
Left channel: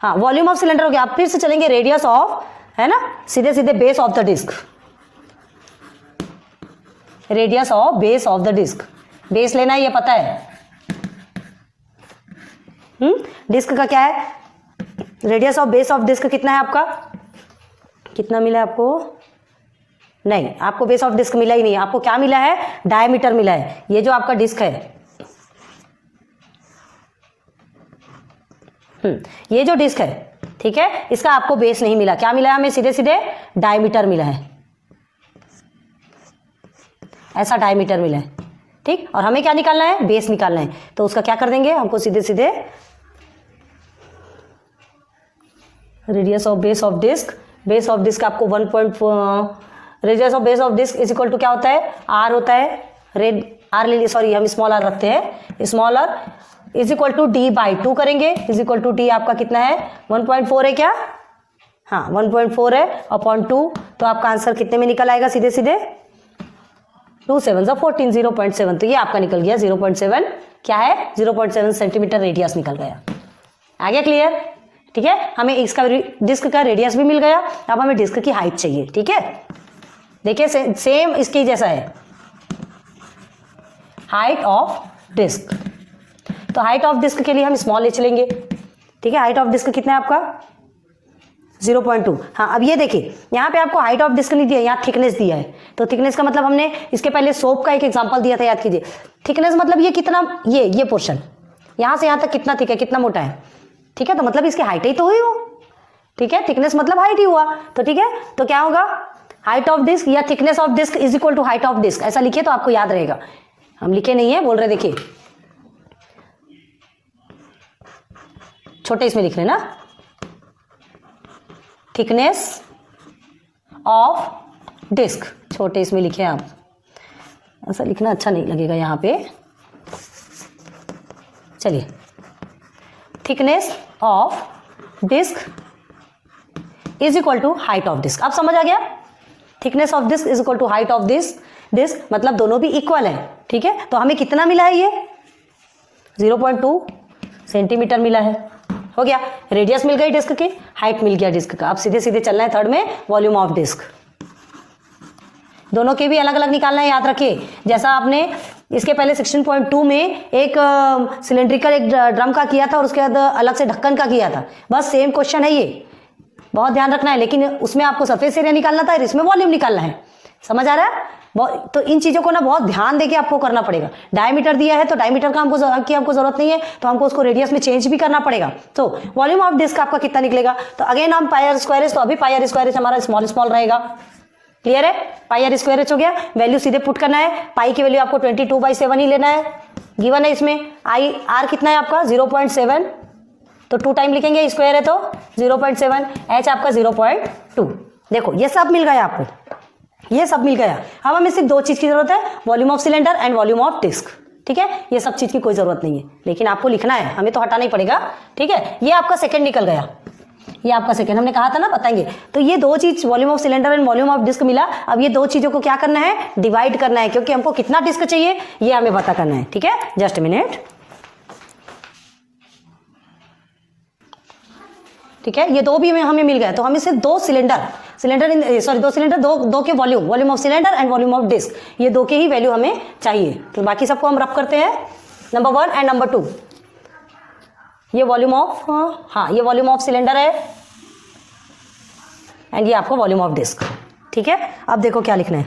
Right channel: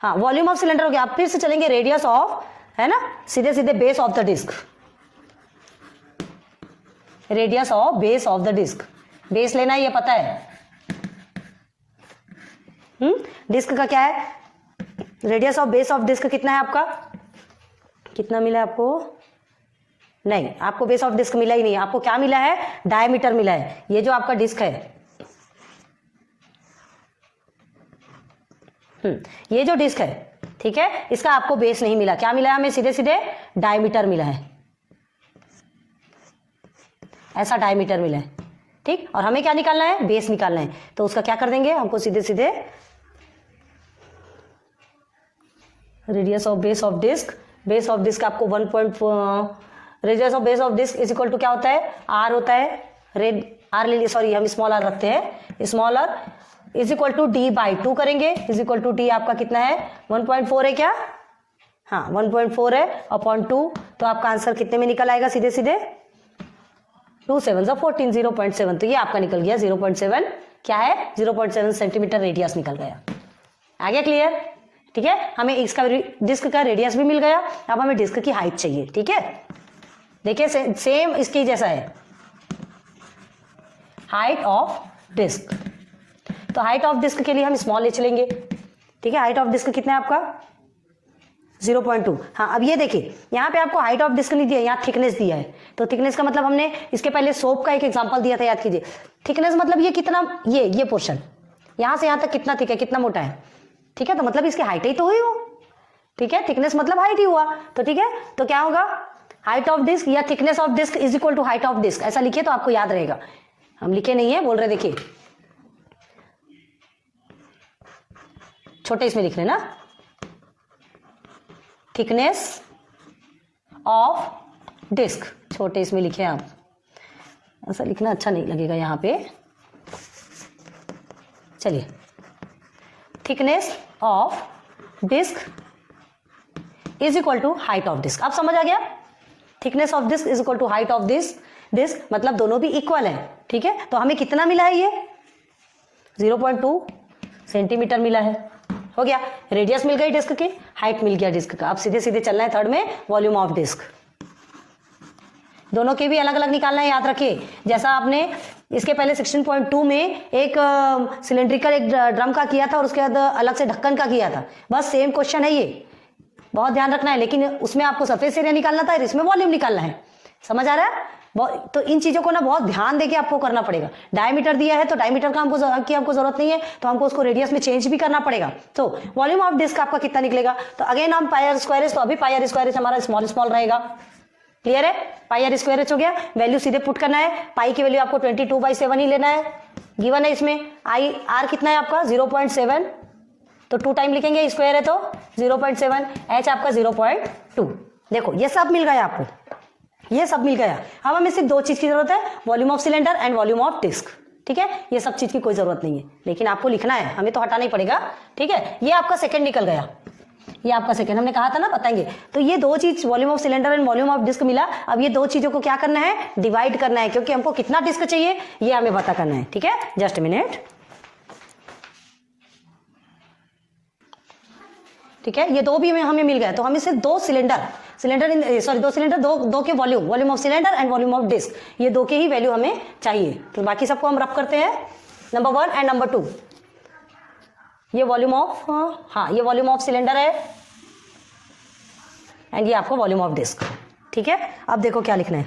हाँ वॉल्यूम ऑफ सिलेंडर हो गया। आप फिर से चलेंगे रेडियस ऑफ, है ना, सीधे सीधे base of the disc, radius of base of the disc. Base लेना है, ये पता है। डिस्क का क्या है, radius of base of disc कितना है आपका, कितना मिला है आपको, नहीं आपको बेस ऑफ डिस्क मिला ही नहीं, आपको क्या मिला है, डायमीटर मिला है। ये जो आपका डिस्क है, ये जो डिस्क है, ठीक है, इसका आपको बेस नहीं मिला, क्या मिला है हमें, सीधे सीधे डायमीटर मिला है, ऐसा डायमीटर मिला है। ठीक, और हमें क्या निकालना है, बेस निकालना है। तो उसका क्या कर देंगे, हमको सीधे सीधे radius of base of disc, base of disc आपको 1.4, radius of base of disc is equal to क्या होता है, आर होता है, रेड आर ले लिए, सॉरी हम स्मॉल आर रखते हैं, small r is equal to d by 2 करेंगे, इज इक्वल टू डी आपका कितना है, 1.4 है क्या, हाँ 1.4 है अपॉन 2, तो आपका आंसर कितने में निकल आएगा, सीधे सीधे 2 7 14, 0.7। तो ये आपका निकल गया 0.7, क्या है 0.7 सेंटीमीटर रेडियस निकल गया। आ गया क्लियर? ठीक है, हमें इसका डिस्क का रेडियस भी मिल गया। अब हमें डिस्क की हाइट चाहिए। ठीक है, देखिए सेम इसकी जैसा है, हाइट ऑफ डिस्क। तो हाइट ऑफ डिस्क के लिए हम स्मॉल एच लेंगे। ठीक है, हाइट ऑफ डिस्क कितना है आपका, 0.2। हाँ, अब ये देखिए यहाँ पे आपको हाइट ऑफ डिस्क नहीं दिया, यहाँ थिकनेस दिया है। तो थिकनेस का मतलब हमने इसके पहले सोप का एक एग्जांपल दिया था, याद कीजिए। थिकनेस मतलब ये कितना, ये पोर्शन यहाँ से यहाँ तक कितना थिक है, कितना मोटा है। ठीक है, तो मतलब इसकी हाइट ही तो हुई वो। ठीक है, थिकनेस मतलब हाइट ही हुआ। तो ठीक है, तो क्या होगा, हाइट ऑफ डिस्क या thickness of disc is equal to height of disc, ऐसा लिखिए तो आपको याद रहेगा। हम लिखे नहीं है, बोल रहे, देखिए छोटे इसमें लिख लेना, थिकनेस ऑफ डिस्क छोटे इसमें लिखे आप, ऐसा लिखना अच्छा नहीं लगेगा यहाँ पे। चलिए, thickness of disc is equal to height of disc. अब समझ आ गया, thickness of disc is equal to height of disc मतलब दोनों भी इक्वल है। ठीक है, तो हमें कितना मिला है, ये 0.2 सेंटीमीटर मिला है, हो गया। रेडियस मिल गई डिस्क की, हाइट मिल गया डिस्क का। अब सीधे सीधे चलना है थर्ड में, वॉल्यूम ऑफ डिस्क। दोनों के भी अलग अलग निकालना है, याद रखिए। जैसा आपने इसके पहले 16.2 में एक सिलेंड्रिकल एक ड्रम का किया था और उसके बाद अलग से ढक्कन का किया था, बस सेम क्वेश्चन है ये, बहुत ध्यान रखना है। लेकिन उसमें आपको सरफेस एरिया निकालना था, इसमें वॉल्यूम निकालना है। समझ आ रहा है? तो इन चीजों को ना बहुत ध्यान देके आपको करना पड़ेगा। डायमीटर दिया है तो डायमीटर का हमको जरूरत नहीं है, तो हमको उसको रेडियस में चेंज भी करना पड़ेगा। तो वॉल्यूम ऑफ डिस्क आपका कितना निकलेगा, तो अगेन हम पाई आर स्क्वायर, तो अभी पाई आर स्क्वायर हमारा स्मॉल स्मॉल रहेगा। क्लियर है, पाई आर स्क्वायर हो गया, वैल्यू सीधे पुट करना है। पाई की वैल्यू आपको 22/7 ही लेना है, गिवन है इसमें। आई आर कितना है आपका 0.7, तो 2 टाइम लिखेंगे, स्क्वायर है तो 0.7, एच आपका 0.2। देखो ये सब मिल गया आपको, ये सब मिल गया। अब हमें सिर्फ 2 चीज की जरूरत है, volume of cylinder and volume of disc. ठीक है, ये सब चीज की कोई जरूरत नहीं है, लेकिन आपको लिखना है, हमें तो हटाना ही पड़ेगा। ठीक है, ये आपका सेकंड निकल गया, ये आपका सेकंड, हमने कहा था ना बताएंगे। तो ये 2 चीज, volume of cylinder and volume of disc मिला। अब ये 2 चीजों को क्या करना है, डिवाइड करना है, क्योंकि हमको कितना डिस्क चाहिए ये हमें पता करना है। ठीक है, जस्ट मिनट। ठीक है, ये 2 भी हमें मिल गया, तो हमें सिर्फ 2 सिलेंडर दो के volume of cylinder and volume of disc, ये 2 के ही वैल्यू हमें चाहिए। तो बाकी सबको हम रफ करते हैं, नंबर 1 एंड नंबर 2। ये वॉल्यूम ऑफ, हाँ ये वॉल्यूम ऑफ सिलेंडर है एंड ये आपका वॉल्यूम ऑफ डिस्क। ठीक है, अब देखो क्या लिखना है।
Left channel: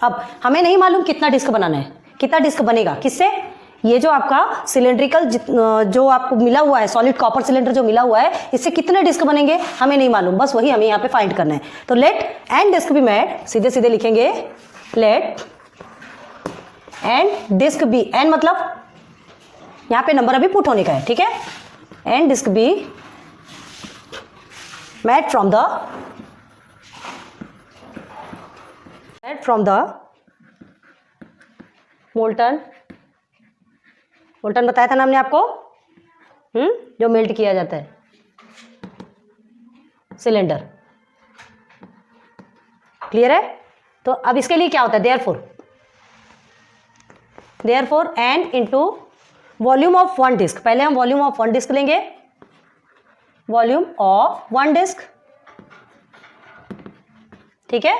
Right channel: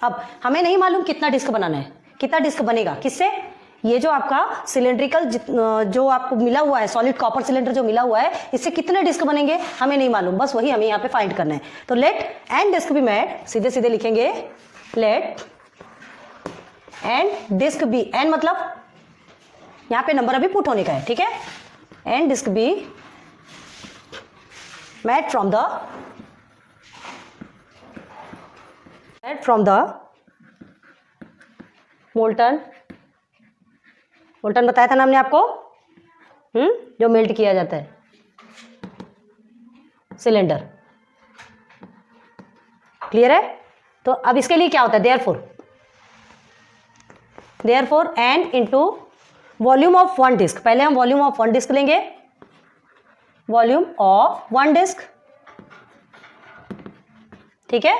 अब हमें नहीं मालूम कितना डिस्क बनाना है, कितना डिस्क बनेगा किससे, ये जो आपका सिलेंड्रिकल जो आपको मिला हुआ है, सॉलिड कॉपर सिलेंडर जो मिला हुआ है, इससे कितने डिस्क बनेंगे हमें नहीं मालूम, बस वही हमें यहाँ पे फाइंड करना है। तो let n disc be made, सीधे सीधे लिखेंगे, let n disc be, n मतलब यहाँ पे नंबर अभी पुट होने का है। ठीक है, n disc be made from the molten molten बताया था ना हमने आपको, जो मेल्ट किया जाता है सिलेंडर। क्लियर है? तो अब इसके लिए क्या होता है, therefore n into volume of one disc. पहले हम वॉल्यूम ऑफ वन डिस्क लेंगे, वॉल्यूम ऑफ वन डिस्क, ठीक है।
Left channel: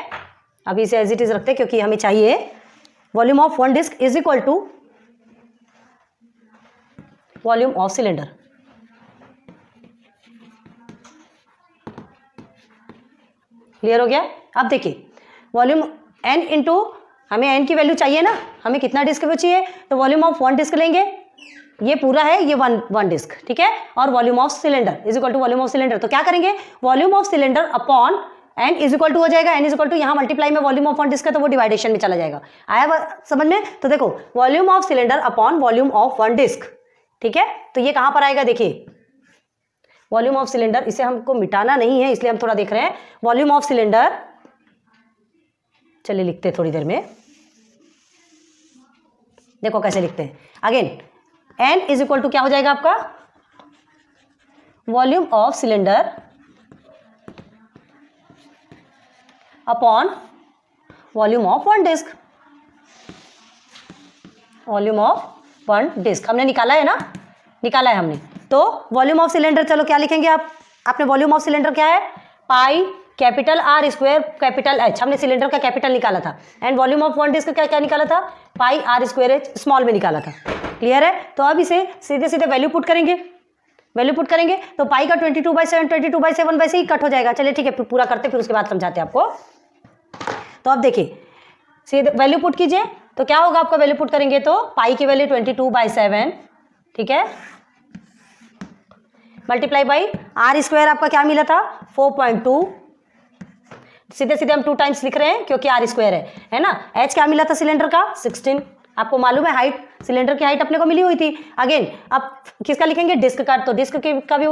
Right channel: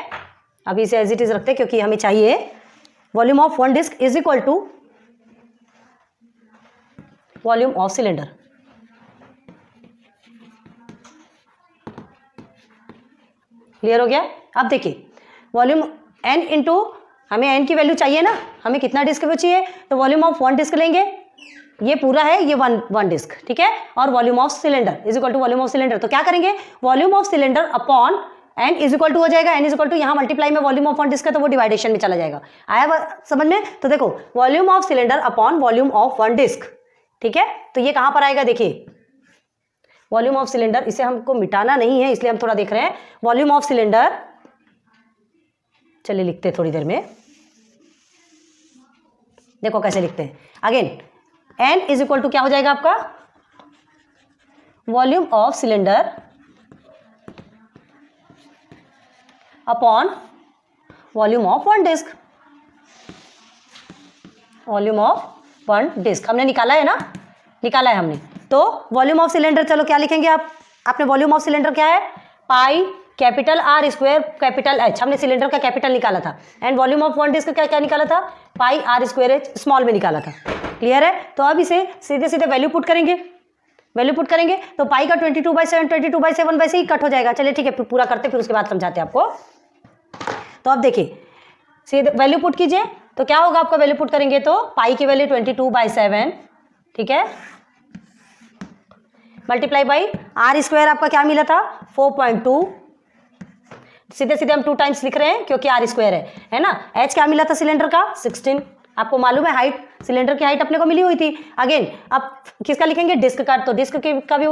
अभी इसे एज इट इज रखते हैं क्योंकि हमें चाहिए। Volume of one disc is equal to volume of cylinder. Clear हो गया? अब देखिए वॉल्यूम n इंटू, हमें n की वैल्यू चाहिए ना, हमें कितना डिस्क वो चाहिए, तो वॉल्यूम ऑफ वन डिस्क लेंगे, ये पूरा है, ये वन डिस्क, ठीक है। और volume of cylinder is equal to volume of cylinder. तो क्या करेंगे, volume of cylinder upon n is equal to हो जाएगा, n इज इक्वल टू यहाँ मल्टीप्लाई में वॉल्यूम ऑफ वन डिस्क है तो वो डिवाइडेशन में चला जाएगा। आया समझ में? तो देखो volume of cylinder upon volume of one disc, ठीक है। तो ये कहां पर आएगा, देखिए वॉल्यूम ऑफ सिलेंडर, इसे हमको मिटाना नहीं है इसलिए हम थोड़ा देख रहे हैं। वॉल्यूम ऑफ सिलेंडर, चलिए लिखते हैं थोड़ी देर में, देखो कैसे लिखते हैं। Again n is equal to क्या हो जाएगा आपका, volume of cylinder upon volume of one disc, volume of one disc हमने निकाला है ना, निकाला है हमने। तो वॉल्यूम ऑफ सिलेंडर, चलो क्या लिखेंगे आप, आपने वॉल्यूम ऑफ सिलेंडर क्या है, pi capital R square capital H, हमने सिलेंडर का कैपिटल निकाला था। And volume of one disc का क्या निकाला था, pi R square H small में निकाला था। क्लियर है? तो अब इसे सीधे सीधे वैल्यू पुट करेंगे, वैल्यू पुट करेंगे तो पाई का 22/7 वैसे ही कट हो जाएगा। चलिए ठीक है, पूरा करते फिर उसके बाद समझाते हैं आपको। तो अब देखिए सीधे वैल्यू पुट कीजिए, तो क्या होगा आपका, वैल्यू पुट करेंगे तो पाई की वैल्यू 22/7, ठीक है, मल्टीप्लाई बाई R स्क्वायर आपका क्या मिला था 4.2, सीधे सीधे हम 2 टाइम्स लिख रहे हैं क्योंकि R स्क्वायर है ना। H क्या मिला था सिलेंडर का 16, आपको मालूम है हाइट, सिलेंडर की हाइट अपने को मिली हुई थी। अगेन अब किसका लिखेंगे, डिस्क का, तो डिस्क का भी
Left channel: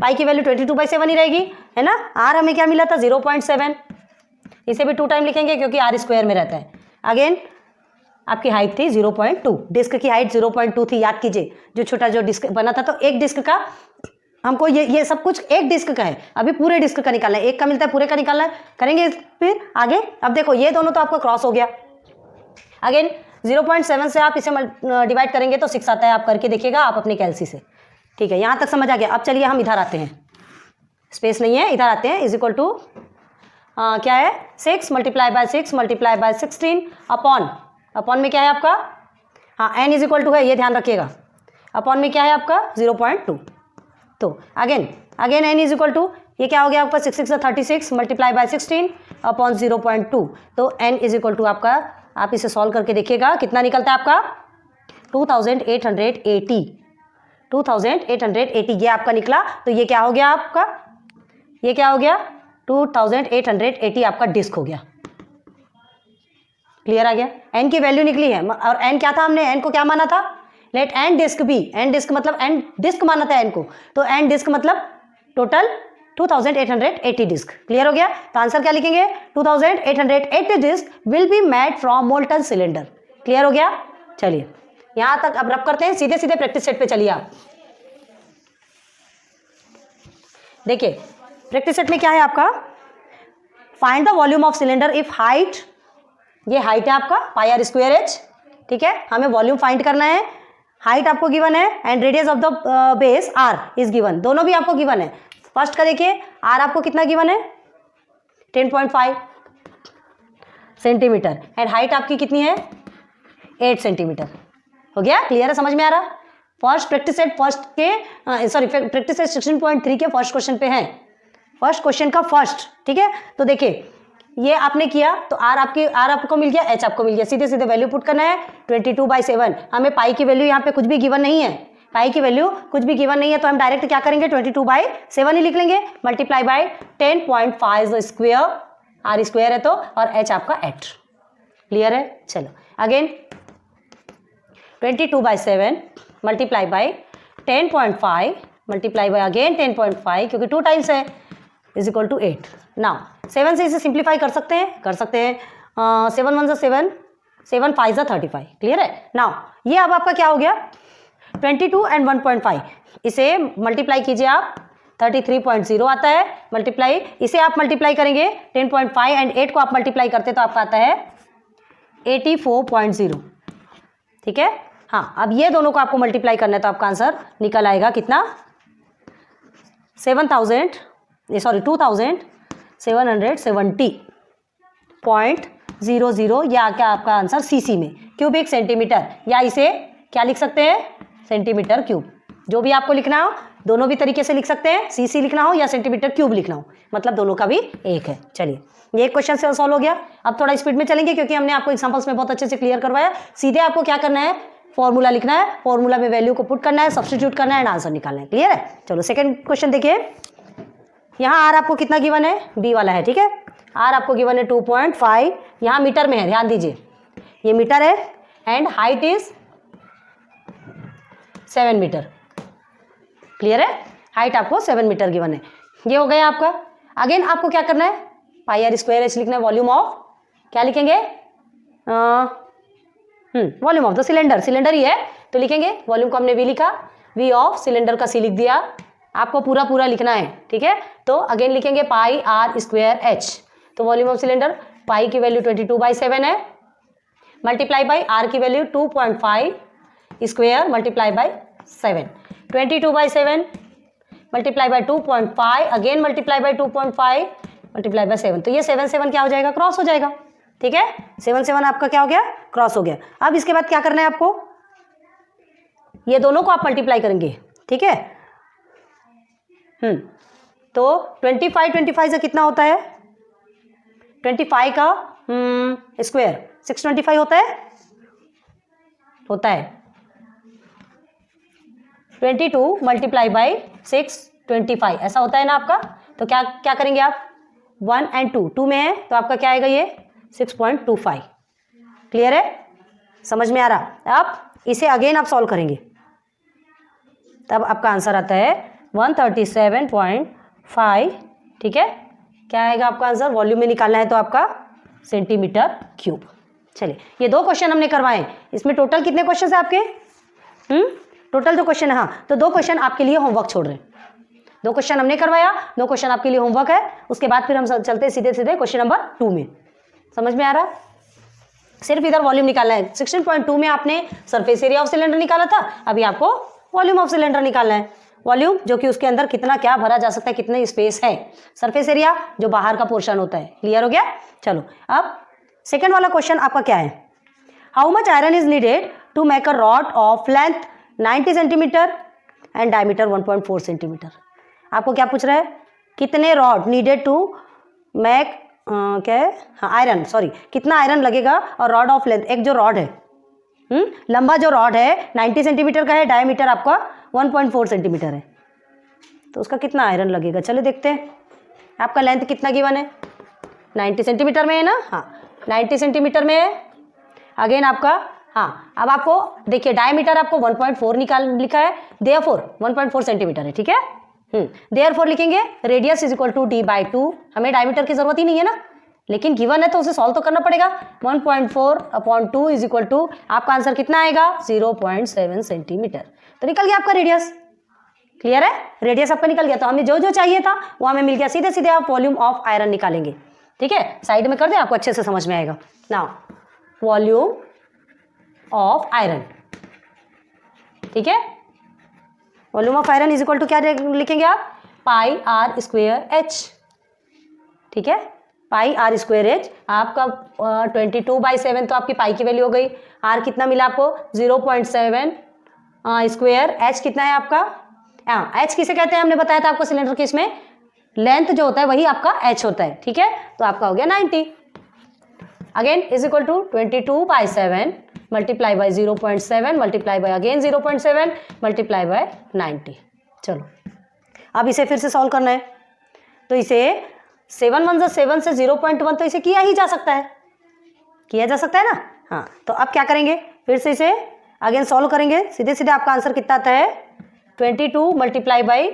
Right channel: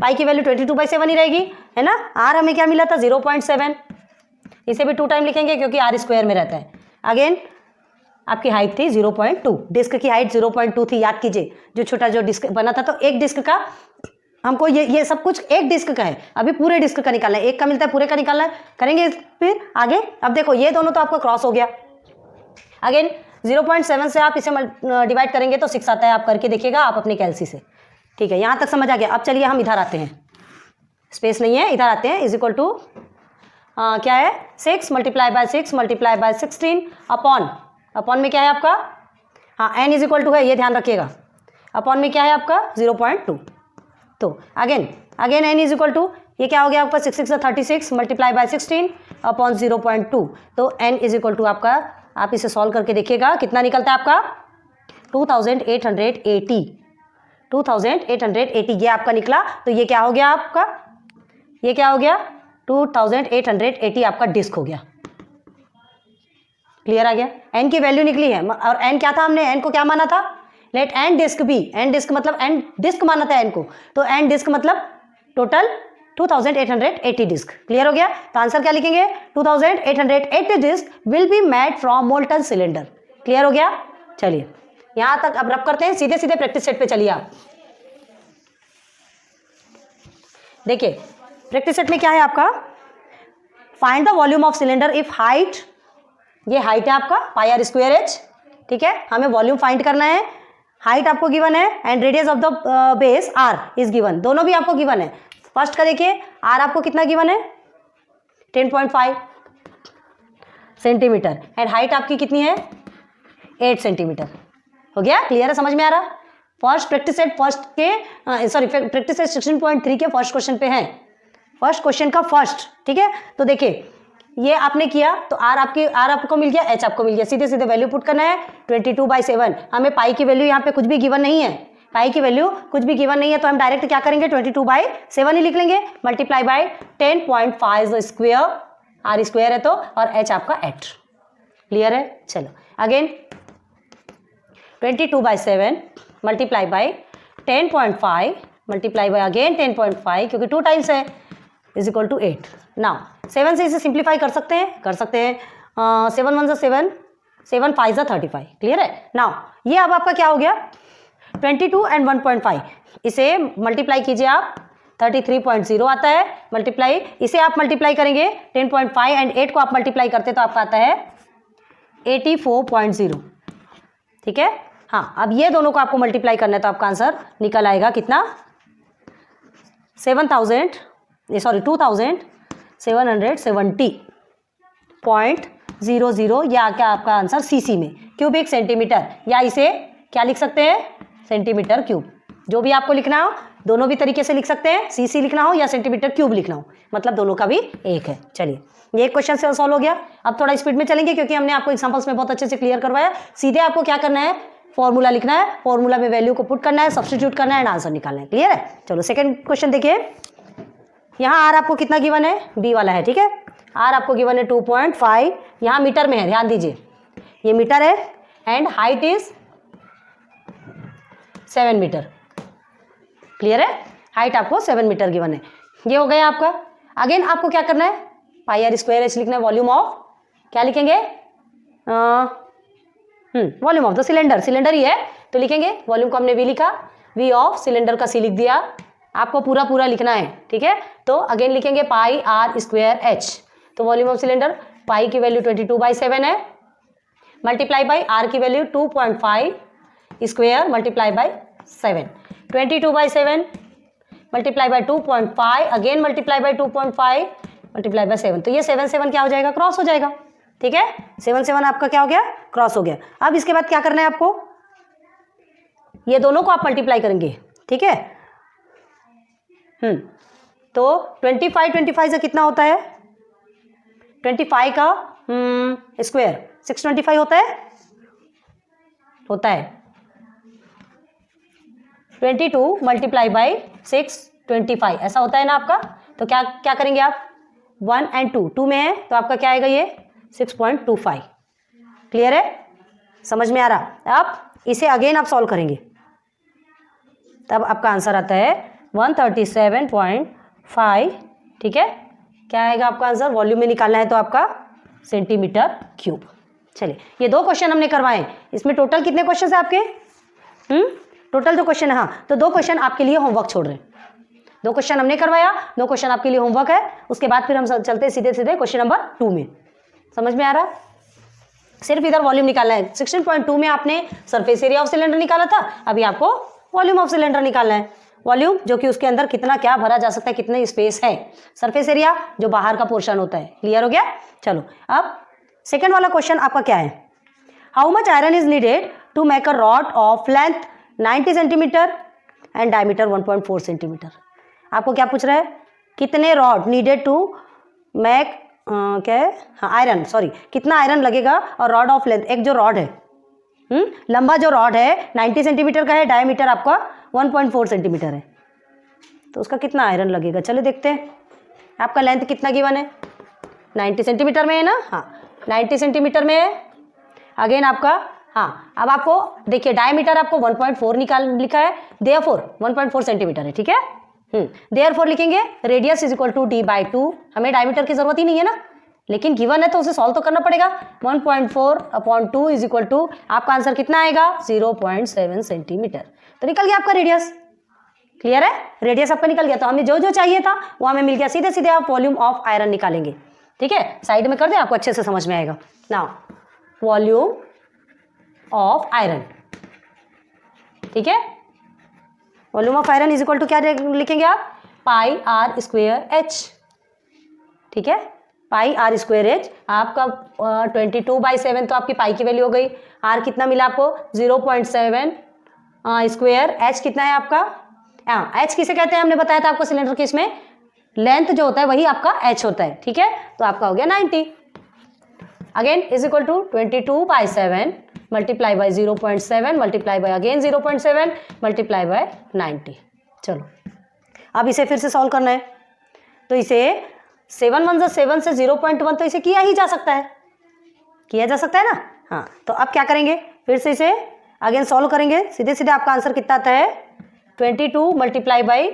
पाई की वैल्यू 22/7 ही रहेगी, है ना। R हमें क्या मिला था 0.7, इसे भी 2 टाइम लिखेंगे क्योंकि R स्क्वायर में रहता है। अगेन आपकी हाइट थी 0.2, डिस्क की हाइट 0.2 थी, याद कीजिए। जो छोटा जो डिस्क बना था, तो एक डिस्क का हमको ये सब कुछ एक डिस्क का है, अभी पूरे डिस्क का निकालना है, एक का मिलता है पूरे का निकालना है, करेंगे फिर आगे। अब देखो ये दोनों तो आपका क्रॉस हो गया। अगेन 0.7 से आप इसे डिवाइड करेंगे तो 6 आता है, आप करके देखिएगा आप अपने कैलसी से, ठीक है। यहाँ तक समझ आ गया। अब चलिए हम इधर आते हैं, स्पेस नहीं है, इधर आते हैं। इज इक्वल टू क्या है 6 multiply by 6 multiply by 16 upon में क्या है आपका, हाँ n इज इक्वल टू है, ये ध्यान रखिएगा, अपॉन में क्या है आपका 0.2। तो again n is equal to ये क्या हो गया आपका 6 6 36 मल्टीप्लाई बाय 16 अपॉन 0.2। तो n इज इक्वल टू आपका, आप इसे सॉल्व करके देखिएगा कितना निकलता है आपका 2880, 2880 ये आपका निकला। तो ये क्या हो गया आपका, ये क्या हो गया 2880 आपका डिस्क हो गया। क्लियर आ गया? n की वैल्यू निकली है, और n क्या था, हमने n को क्या माना था, let n disc be, n disc मतलब n डिस्क माना था n को, तो n डिस्क मतलब टोटल 2880 डिस्क। क्लियर हो गया? तो आंसर क्या लिखेंगे 2880 disc will be made from molten cylinder. Clear हो गया? चलिए यहां तक अब रब करते हैं, सीधे सीधे प्रैक्टिस सेट पे चलिए आप। देखिए प्रैक्टिस सेट में क्या है आपका, find the volume of cylinder if height, ये हाइट है आपका पाई आर स्क्वायर एच, ठीक है। हमें वॉल्यूम फाइंड करना है, हाइट आपको गिवन है and radius of the base r is given, दोनों भी आपको गिवन है। फर्स्ट का देखिए आर आपको कितना गिवन है 10.5 सेंटीमीटर एंड हाइट आपकी कितनी है 8 सेंटीमीटर। हो गया? क्लियर है? समझ में आ रहा? फर्स्ट प्रैक्टिस सेट फर्स्ट के सॉरी प्रैक्टिस सेट 16.3 के फर्स्ट क्वेश्चन पे है, फर्स्ट क्वेश्चन का फर्स्ट, ठीक है। तो देखिए ये आपने किया तो आर आपको मिल गया, एच आपको मिल गया, सीधे सीधे वैल्यू पुट करना है 22/7। हमें पाई की वैल्यू यहाँ पे कुछ भी गिवन नहीं है, पाई की वैल्यू कुछ भी गिवन नहीं है, तो हम डायरेक्ट क्या करेंगे 22/7 ही लिख लेंगे, multiply by 10.5 square, r square है तो, और एच आपका 8। क्लियर है? चलो again 22/7 multiply by 10.5 multiply by again 10.5 क्योंकि 2 टाइम्स है, इज इक्वल टू 8। नाउ 7 से इसे सिंप्लीफाई कर सकते हैं, 7 1 7 7 5 35। क्लियर है? नाउ ये अब आपका क्या हो गया 22 एंड 1.5, इसे मल्टीप्लाई कीजिए आप, 33.0 आता है मल्टीप्लाई, इसे आप मल्टीप्लाई करेंगे 10.5 एंड 8 को आप मल्टीप्लाई करते तो आपका आता है 84.0, ठीक है। हाँ, अब ये दोनों को आपको मल्टीप्लाई करना है तो आपका आंसर निकल आएगा कितना, 2770.00, या क्या आपका आंसर सीसी में, क्यूबिक सेंटीमीटर, या इसे क्या लिख सकते हैं, सेंटीमीटर क्यूब, जो भी आपको लिखना हो दोनों भी तरीके से लिख सकते हैं, सीसी लिखना हो या सेंटीमीटर क्यूब लिखना हो, मतलब दोनों का भी एक है। चलिए, ये एक क्वेश्चन से सॉल्व हो गया। अब थोड़ा स्पीड में चलेंगे क्योंकि हमने आपको एग्जांपल्स में बहुत अच्छे से क्लियर करवाया। सीधे आपको क्या करना है, फॉर्मूला लिखना है, फॉर्मूला में वैल्यू को पुट करना है, सब्स्टिट्यूट करना है एंड आंसर निकालना है। क्लियर है। चलो सेकंड क्वेश्चन देखिए, यहाँ आर आपको कितना गिवन है, बी वाला है, ठीक है। आर आपको गिवन है 2.5, यहाँ मीटर में है, ध्यान दीजिए, ये मीटर है and height is 7 metre. Clear है, हाइट आपको 7 मीटर गिवन है। ये हो गया आपका। अगेन आपको क्या करना है, पाई आर स्क्वायर एच लिखना है, वॉल्यूम ऑफ, क्या लिखेंगे, volume of the cylinder, cylinder ही है तो लिखेंगे, वॉल्यूम को हमने वी लिखा, वी ऑफ सिलेंडर का सी लिख दिया, आपको पूरा पूरा लिखना है, ठीक है। तो अगेन लिखेंगे पाई आर स्क्वायर एच, तो वॉल्यूम ऑफ सिलेंडर, पाई की वैल्यू 22/7 है, मल्टीप्लाई बाई आर की value 2.5 square multiply by 7, 22/7 multiply by 2.5, again multiply by 2.5 multiply by 7, तो ये 7 क्या हो जाएगा, क्रॉस हो जाएगा, ठीक है। 7 आपका क्या हो गया, क्रॉस हो गया। अब इसके बाद क्या करना है आपको, ये दोनों को आप मल्टीप्लाई करेंगे, ठीक है। तो 25 से कितना होता है, 25 का स्क्वायर 625 होता है 22 मल्टीप्लाई बाई 625, ऐसा होता है ना आपका। तो क्या क्या करेंगे आप, 1 एंड 2 में है तो आपका क्या आएगा, ये 6.25। क्लियर है, समझ में आ रहा। अब इसे अगेन आप सॉल्व करेंगे, तब आपका आंसर आता है 137.5, ठीक है। क्या आएगा आपका आंसर, वॉल्यूम में निकालना है तो आपका सेंटीमीटर क्यूब। चलिए, ये 2 क्वेश्चन हमने करवाए, इसमें टोटल कितने क्वेश्चन है आपके, टोटल 2 क्वेश्चन है। हाँ, तो 2 क्वेश्चन आपके लिए होमवर्क छोड़ रहे हैं, 2 क्वेश्चन हमने करवाया, 2 क्वेश्चन आपके लिए होमवर्क है। उसके बाद फिर हम चलते सीधे सीधे क्वेश्चन नंबर 2 में। समझ में आ रहा, सिर्फ इधर वॉल्यूम निकालना है। 16.2 में आपने सरफेस एरिया ऑफ सिलेंडर निकाला था, अभी आपको वॉल्यूम ऑफ सिलेंडर निकालना है। वॉल्यूम जो कि उसके अंदर कितना क्या भरा जा सकता है, कितने स्पेस है, सरफेस एरिया जो बाहर का पोर्शन होता है। क्लियर हो गया। चलो, अब सेकंड वाला क्वेश्चन आपका क्या है, how much iron is needed to make a rod of length 90 centimetre and diameter 1.4 centimetre. आपको क्या पूछ रहा है, कितने रॉड नीडेड टू मेक, क्या है, हाँ आयरन, सॉरी, कितना आयरन लगेगा और रॉड ऑफ लेंथ, एक जो रॉड है, लंबा जो रॉड है 90 सेंटीमीटर का है, डायमीटर आपका 1.4 सेंटीमीटर है, तो उसका कितना आयरन लगेगा। चलो देखते हैं, आपका लेंथ कितना गिवन है, 90 सेंटीमीटर में है ना, हाँ 90 सेंटीमीटर में है। अगेन आपका, हाँ अब आपको देखिए डायमीटर आपको 1.4 लिखा है, देयरफॉर 1.4 सेंटीमीटर है, ठीक है। देयरफॉर लिखेंगे radius is equal to d/2, हमें डायमीटर की जरूरत ही नहीं है ना, लेकिन गिवन है तो उसे सॉल्व तो करना पड़ेगा। 1.4/2 इज इक्वल टू, आपका आंसर कितना आएगा, 0.7 सेंटीमीटर, तो निकल गया आपका रेडियस। क्लियर है, रेडियस आपका निकल गया, तो हमें जो जो चाहिए था वो हमें मिल गया। सीधे सीधे आप वॉल्यूम ऑफ आयरन निकालेंगे, ठीक है, साइड में कर दे, आपको अच्छे से समझ में आएगा। नाउ वॉल्यूम ऑफ आयरन, ठीक है, volume of iron is equal to क्या लिखेंगे आप, पाई आर स्क्वायर एच, ठीक है, पाई आर स्क्वायर एच। आपका 22/7 तो आपकी पाई की वैल्यू हो गई, आर कितना मिला आपको 0.7 स्क्वायर, एच कितना है आपका, एच किसे कहते हैं हमने बताया था आपको सिलेंडर के, इसमें लेंथ जो होता है वही आपका एच होता है, ठीक है, तो आपका हो गया 90। Again is equal to 22/7 multiply by 0.7 multiply by again 0.7 multiply by 90। चलो, अब इसे फिर से सॉल्व करना है, तो इसे 7 से 0.1, तो इसे किया ही जा सकता है, किया जा सकता है ना। हाँ, तो अब क्या करेंगे, फिर से इसे अगेन सॉल्व करेंगे, सीधे सीधे आपका आंसर कितना आता है 22 मल्टीप्लाई बाई,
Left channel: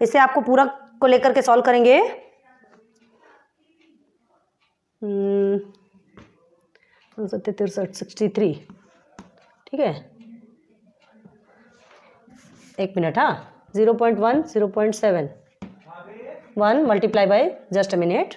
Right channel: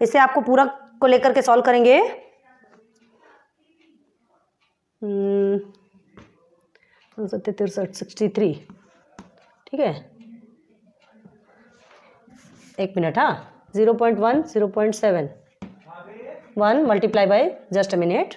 इसे आपको पूरा को लेकर के सॉल्व करेंगे, 63, ठीक है, एक मिनट, हाँ 0.1 0.7 1 multiply by just a minute,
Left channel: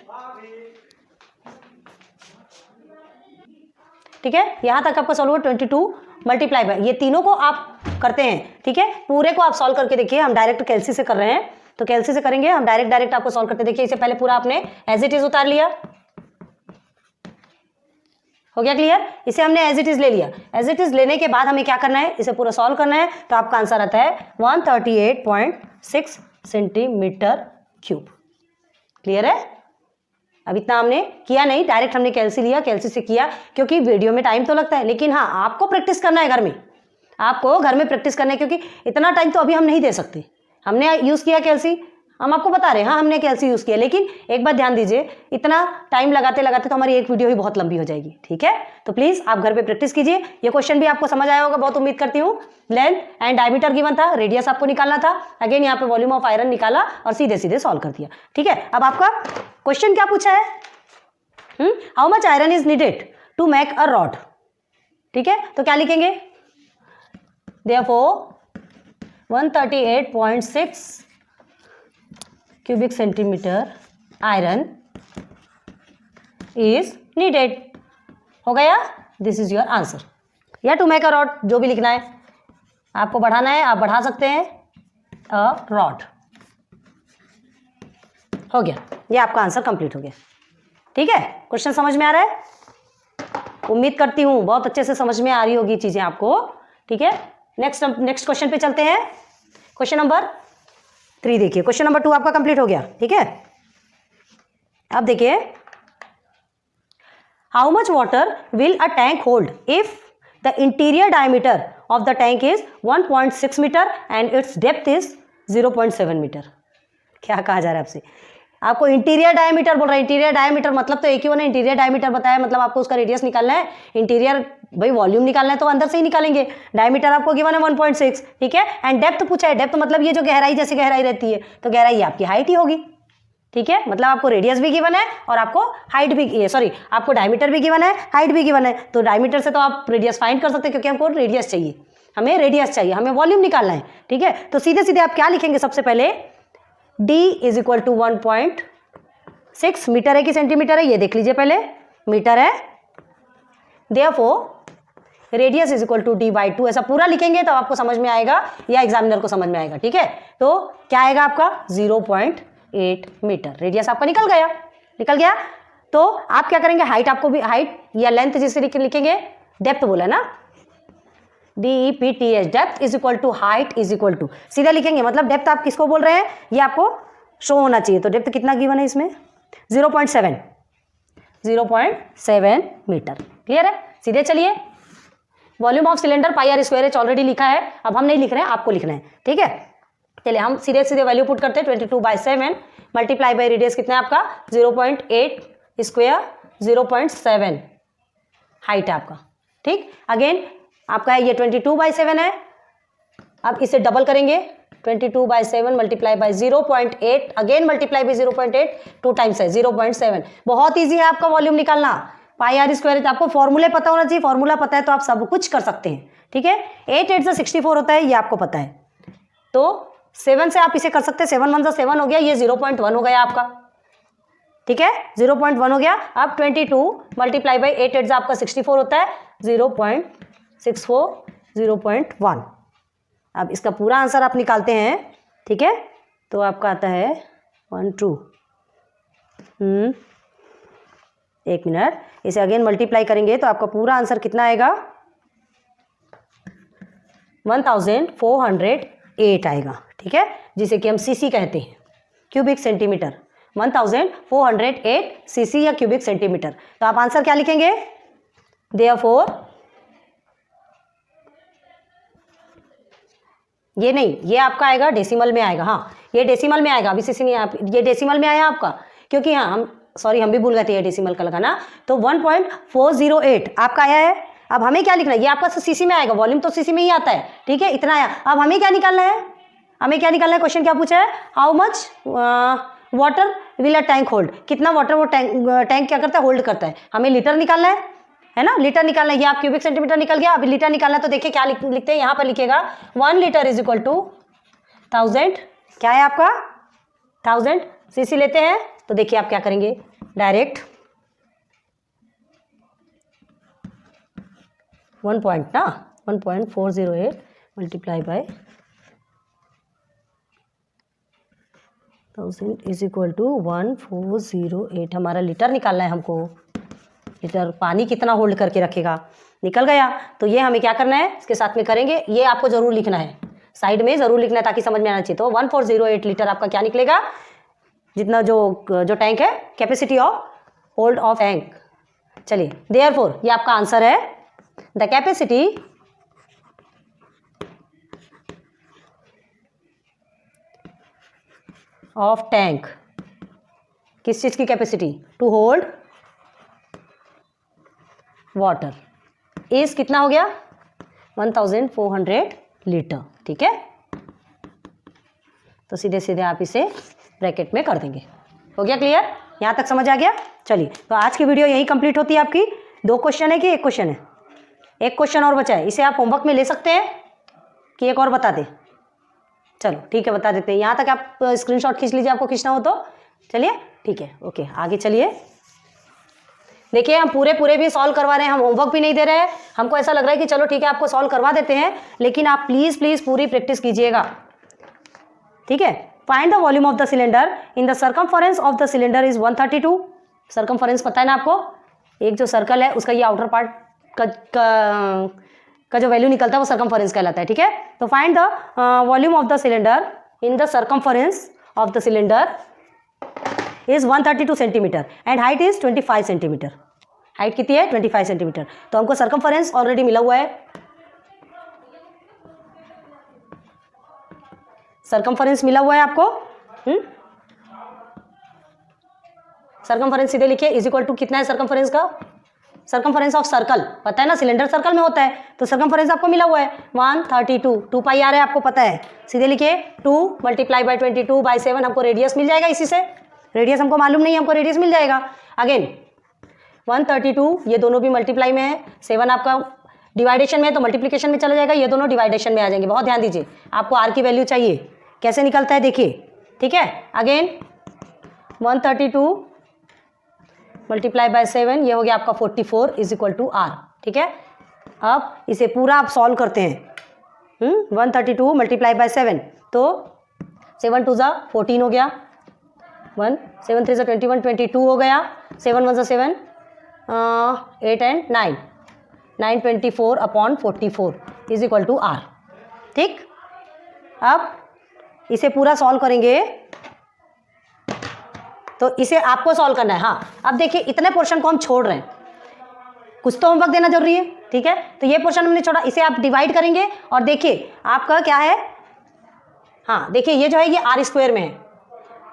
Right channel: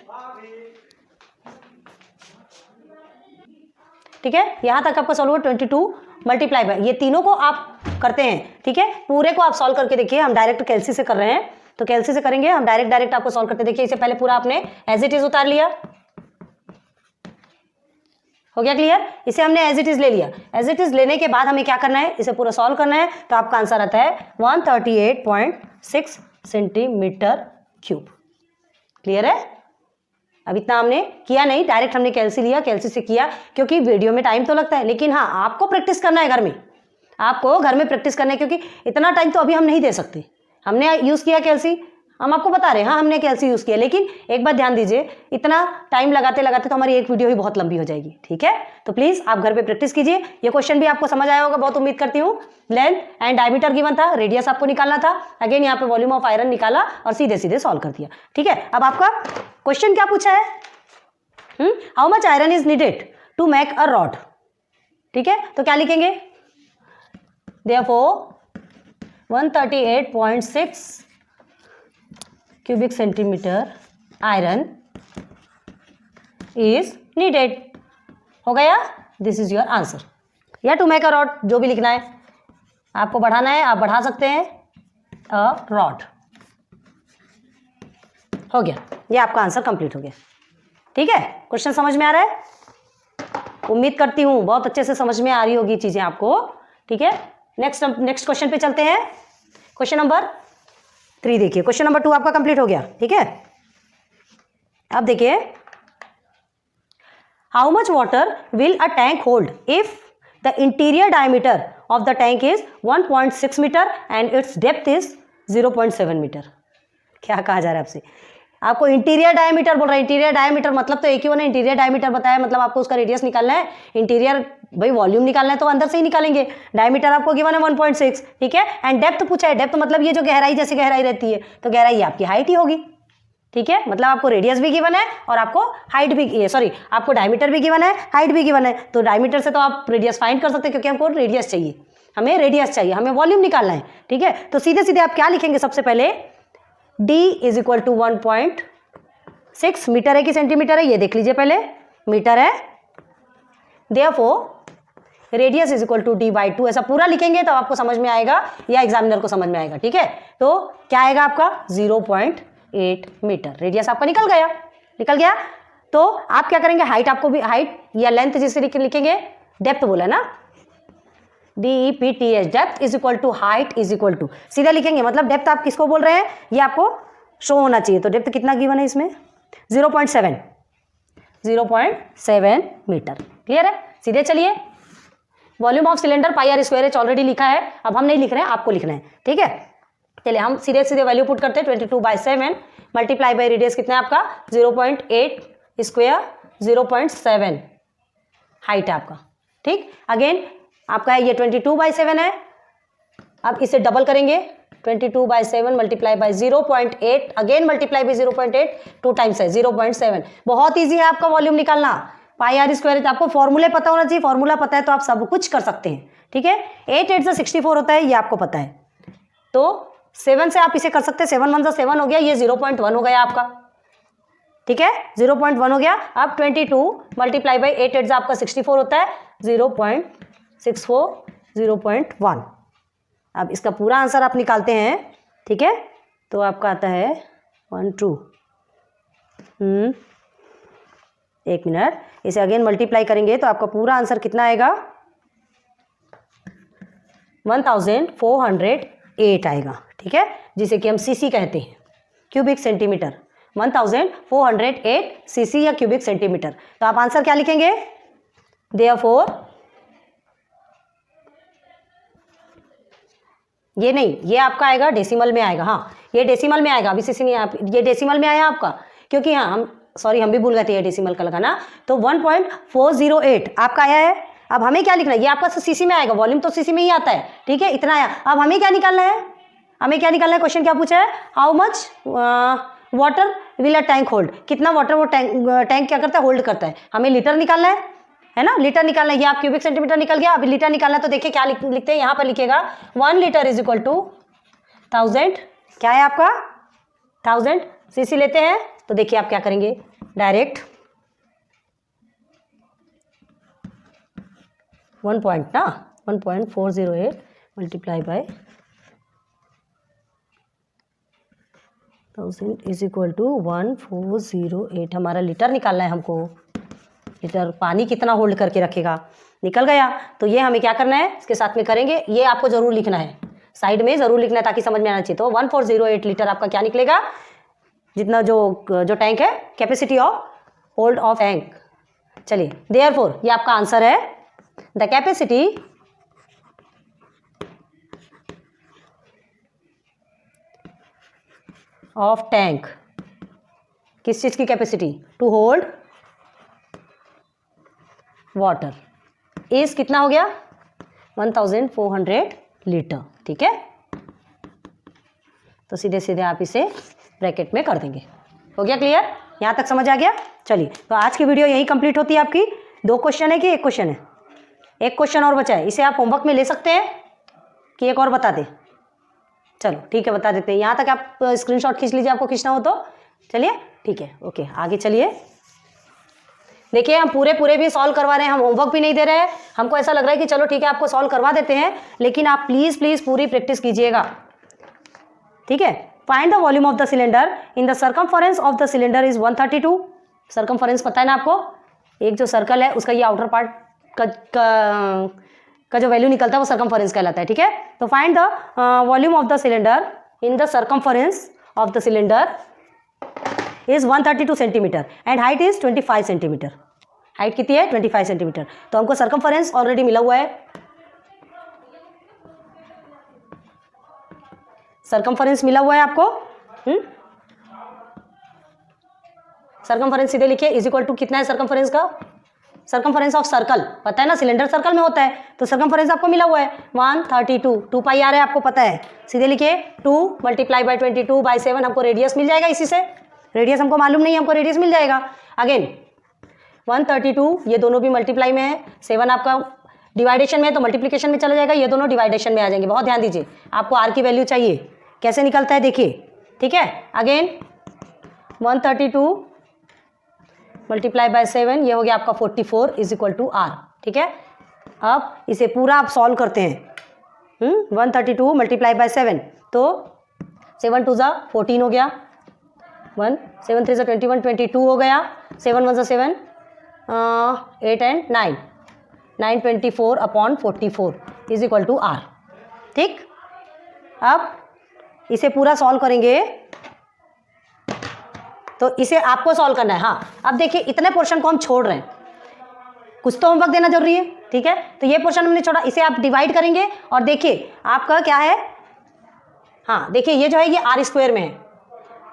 ठीक है। यहाँ तक आपका सॉल्व हुआ 22 मल्टीप्लाई बाई, ये तीनों को आप करते हैं, ठीक है। पूरे को आप सॉल्व करके देखिए, हम डायरेक्ट कैलसी से कर रहे हैं तो कैलसी से करेंगे, हम डायरेक्ट आपको सॉल्व करते देखिए। इसे पहले पूरा आपने एज इट इज उतार लिया, हो गया क्लियर। इसे हमने एज इट इज ले लिया, एज इट इज लेने के बाद हमें क्या करना है, इसे पूरा सॉल्व करना है। तो आपका आंसर आता है 138.6 सेंटीमीटर क्यूब। क्लियर है। अब इतना हमने किया नहीं, डायरेक्ट हमने कैलसी लिया, कैलसी से किया, क्योंकि वीडियो में टाइम तो लगता है, लेकिन हाँ आपको प्रैक्टिस करना है घर में, आपको घर में प्रैक्टिस करना है, क्योंकि इतना टाइम तो अभी हम नहीं दे सकते। हमने यूज़ किया कैलसी, हम आपको बता रहे हैं, हाँ हमने कैलसी यूज़ किया, लेकिन एक बात ध्यान दीजिए, इतना टाइम लगाते लगाते तो हमारी एक वीडियो ही बहुत लंबी हो जाएगी, ठीक है। तो प्लीज़ आप घर पे प्रैक्टिस कीजिए। ये क्वेश्चन भी आपको समझ आया होगा, बहुत उम्मीद करती हूँ। लेंथ एंड डायमीटर गिवन था, रेडियस आपको निकालना था, अगेन यहाँ पे वॉल्यूम ऑफ आयरन निकाला और सीधे सीधे सॉल्व कर दिया, ठीक है। अब आपका क्वेश्चन क्या पूछा है, how much iron is needed to make a rod, ठीक है। तो क्या लिखेंगे, therefore 138.6 cubic centimetre iron is needed, हो गया। दिस इज योर आंसर, या टू मेक अ रॉड, जो भी लिखना है आपको, बढ़ाना है आप बढ़ा सकते हैं, अ रॉड, हो गया। ये आपका आंसर कंप्लीट हो गया, ठीक है। क्वेश्चन समझ में आ रहा है, उम्मीद करती हूँ बहुत अच्छे से समझ में आ रही होगी चीजें आपको, ठीक है। नेक्स्ट क्वेश्चन पे चलते हैं। क्वेश्चन नंबर 3 देखिए, क्वेश्चन नंबर 2 आपका कंप्लीट हो गया, ठीक है। अब देखिए, how much water will a tank hold if the interior diameter of the tank is 1.6 metre and its depth is 0.7 metre. क्या कहा जा रहा है आपसे, आपको इंटीरियर डायमीटर बोल रहा है। इंटीरियर डायमीटर मतलब तो एक ही होना, इंटीरियर डायमीटर बताया मतलब आपको उसका रेडियस निकालना है। इंटीरियर भाई वॉल्यूम निकालना है तो अंदर से ही निकालेंगे। डायमीटर आपको गिवन है 1.6, ठीक है। एंड डेप्थ पूछा है, डेप्थ मतलब ये जो गहराई, जैसे गहराई रहती है तो गहराई आपकी हाइट ही होगी, ठीक है। मतलब आपको रेडियस भी गिवन है और आपको हाइट भी, सॉरी आपको डायमीटर भी गिवन है, हाइट भी गिवन है। तो डायमीटर से तो आप रेडियस फाइंड कर सकते हैं, क्योंकि हमको रेडियस चाहिए, हमें रेडियस चाहिए, हमें वॉल्यूम निकालना है, ठीक है। तो सीधे सीधे आप क्या लिखेंगे, सबसे पहले d is equal to 1.6 metre है कि सेंटीमीटर है, ये देख लीजिए पहले, मीटर है। Therefore radius is equal to d/2, ऐसा पूरा लिखेंगे तब आपको समझ में आएगा या एग्जामिनर को समझ में आएगा, ठीक है। तो क्या आएगा आपका 0.8 मीटर, रेडियस आपका निकल गया। तो आप क्या करेंगे, हाइट आपको भी, हाइट या लेंथ जिसे लिखेंगे, डेप्थ बोला ना, DEPTH, depth is equal to height is equal to, सीधा लिखेंगे, मतलब डेप्थ आप किसको बोल रहे हैं ये आपको शो होना चाहिए। तो डेप्थ कितना गिवन है इसमें, 0.7 मीटर। क्लियर है, सीधे चलिए। Volume of cylinder πr² already लिखा है, अब हम नहीं लिख रहे हैं, आपको लिखना है, ठीक है। चलिए हम सीधे सीधे वैल्यू पुट करते हैं, 22/7 मल्टीप्लाई बाई रेडियस कितना है आपका 0.8 स्क्वायर, 0.7 हाइट है आपका, ठीक। अगेन आपका है ये 22/7 है, अब इसे डबल करेंगे, 22/7 multiply by 0.8, again multiply by 0.8, 2 times है 0.7। बहुत ईजी है आपका वॉल्यूम निकालना, πr²। आपको फॉर्मूले पता होना चाहिए, फॉर्मूला पता है तो आप सब कुछ कर सकते हैं, ठीक है। 8 8 से 64 होता है, ये आपको पता है। तो 7 से आप इसे कर सकते हैं, 7 1 से 7 हो गया, ये 0.1 हो गया आपका, ठीक है, 0.1 हो गया। अब 22 मल्टीप्लाई बाई 8 8 आपका 64 होता है, 0.64, 0.1। अब इसका पूरा आंसर आप निकालते हैं, ठीक है। तो आपका आता है 1 2, एक मिनट, इसे अगेन मल्टीप्लाई करेंगे तो आपका पूरा आंसर कितना आएगा, 1408 आएगा, ठीक है, जिसे कि हम सीसी कहते हैं, क्यूबिक सेंटीमीटर। 1408 सीसी या क्यूबिक सेंटीमीटर। तो आप आंसर क्या लिखेंगे, देयरफॉर, ये नहीं, ये आपका आएगा डेसिमल में आएगा, हाँ ये डेसिमल में आएगा, अभी सीसी नहीं, आप ये डेसिमल में आया आपका, क्योंकि हाँ हम भी भूल गए थे ये डेसिमल का लगाना। तो 1.408 आपका आया है। अब हमें क्या लिखना है, ये आपका सीसी में आएगा, वॉल्यूम तो सीसी में ही आता है, ठीक है, इतना आया। अब हमें क्या निकालना है, क्वेश्चन क्या पूछा है, how much water will a tank hold, कितना वाटर वो टैंक क्या करता है, होल्ड करता है। हमें लीटर निकालना है ना, लीटर निकालना है। ये आप क्यूबिक सेंटीमीटर निकल गया, अभी लीटर निकालना है। तो देखिए क्या लिखते हैं, यहाँ पर लिखेगा 1 लीटर इज इक्वल टू 1000 क्या है आपका 1000 सीसी लेते हैं। तो देखिए आप क्या करेंगे, direct 1.408 multiply by 1000 is equal to 1408। हमारा लीटर निकालना है हमको, लीटर पानी कितना होल्ड करके रखेगा, निकल गया। तो ये हमें क्या करना है, इसके साथ में करेंगे, ये आपको जरूर लिखना है, साइड में जरूर लिखना है ताकि समझ में आना चाहिए। तो 1408 लीटर आपका क्या निकलेगा, जितना जो टैंक है, capacity of hold of tank. चलिए देयरफॉर ये आपका आंसर है, द कैपेसिटी ऑफ टैंक, किस चीज की capacity, to hold water is कितना हो गया 1400 लीटर। ठीक है, तो सीधे सीधे आप इसे ब्रैकेट में कर देंगे। हो गया क्लियर, यहाँ तक समझ आ गया। चलिए तो आज की वीडियो यही कंप्लीट होती है आपकी। 2 क्वेश्चन है कि 1 क्वेश्चन है, 1 क्वेश्चन और बचा है, इसे आप होमवर्क में ले सकते हैं कि एक और बता दें। चलो ठीक है, बता देते हैं। यहाँ तक आप स्क्रीनशॉट खींच लीजिए, आपको खींचना हो तो। चलिए ठीक है, ओके आगे चलिए। देखिए हम पूरे भी सॉल्व करवा रहे हैं, हम होमवर्क भी नहीं दे रहे हैं। हमको ऐसा लग रहा है कि चलो ठीक है आपको सॉल्व करवा देते हैं, लेकिन आप प्लीज पूरी प्रैक्टिस कीजिएगा। ठीक है, find the volume of the cylinder in the circumference of the cylinder is 132। Circumference पता है ना आपको, एक जो सर्कल है उसका ये आउटर पार्ट का जो वैल्यू निकलता है वो सर्कमफरेंस कहलाता है। ठीक है, तो find the volume of the cylinder in the circumference of the cylinder is 132 centimetre and height is 25 centimetre. Height कितनी है 25 सेंटीमीटर। तो हमको सर्कमफरेंस ऑलरेडी मिला हुआ है, सर्कमफरेंस मिला हुआ है आपको। सर्कमफरेंस सीधे लिखिए इज इक्वल टू कितना है सर्कमफरेंस का, सर्कमफरेंस ऑफ सर्कल पता है ना, सिलेंडर सर्कल में होता है, तो सर्कमफरेंस आपको मिला हुआ है 132, 2 पाई आर है आपको पता है। सीधे लिखिए 2 मल्टीप्लाई बाई 22/7, हमको रेडियस मिल जाएगा इसी से। रेडियस हमको मालूम नहीं है, हमको रेडियस मिल जाएगा। अगेन 132 ये दोनों भी मल्टीप्लाई में है, 7 आपका डिवाइडेशन में है तो मल्टीप्लिकेशन में चला जाएगा, ये दोनों डिवाइडेशन में आ जाएंगे। बहुत ध्यान दीजिए, आपको आर की वैल्यू चाहिए, कैसे निकलता है देखिए। ठीक है, अगेन 132 मल्टीप्लाई बाय 7 ये हो गया आपका 44 इज इक्वल टू आर। ठीक है, अब इसे पूरा आप सॉल्व करते हैं। 132 मल्टीप्लाई बाय 7 तो 7 2 ज़ा 14 हो गया, 1 7 3 ज़ा 21 22 हो गया, 7 1 ज़ा 7 8 and 9 924 upon 44 is equal to r. ठीक, अब इसे पूरा सॉल्व करेंगे तो इसे आपको सॉल्व करना है। हाँ, अब देखिए इतने पोर्शन को हम छोड़ रहे हैं, कुछ तो होमवर्क देना जरूरी है। ठीक है, तो ये पोर्शन हमने छोड़ा, इसे आप डिवाइड करेंगे और देखिए आपका क्या है। हाँ देखिए ये जो है ये आर स्क्वायर में है,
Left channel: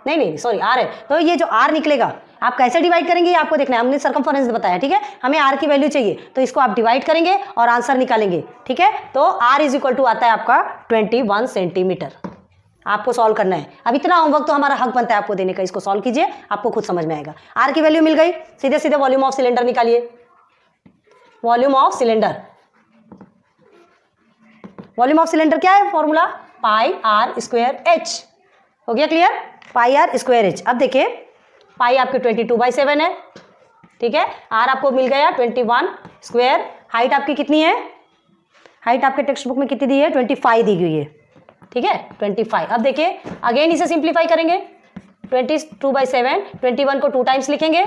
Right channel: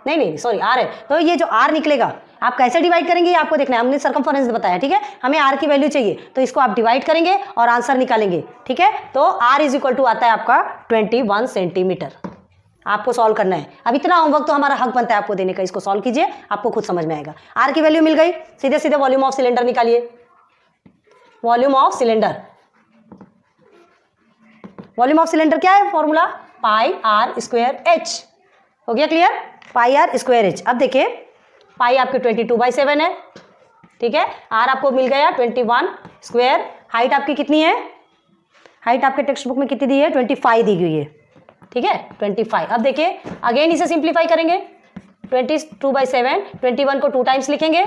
नहीं सॉरी आर है, तो ये जो आर निकलेगा आप कैसे डिवाइड करेंगे ये आपको देखना है। हमने सर्कमफरेंस बताया, ठीक है, हमें आर की वैल्यू चाहिए तो इसको आप डिवाइड करेंगे और आंसर निकालेंगे। ठीक है, तो आर इज इक्वल टू आता है आपका 21 सेंटीमीटर। आपको सॉल्व करना है। अब इतना होमवर्क तो हमारा हक बनता है आपको देने का, इसको सॉल्व कीजिए, आपको खुद समझ में आएगा। आर की वैल्यू मिल गई, सीधे सीधे वॉल्यूम ऑफ सिलेंडर निकालिए। Volume of cylinder, volume of cylinder क्या है formula, pi are square h. हो गया clear, pi are square h. अब देखिए पाई आपके 22/7 है। ठीक है, आर आपको मिल गया 21 स्क्वायर। हाइट आपकी कितनी है, हाइट आपके टेक्स्ट बुक में कितनी दी है 25 दी गई है। ठीक है 25। अब देखिए अगेन इसे सिंप्लीफाई करेंगे, 22/7 21 को 2 टाइम्स लिखेंगे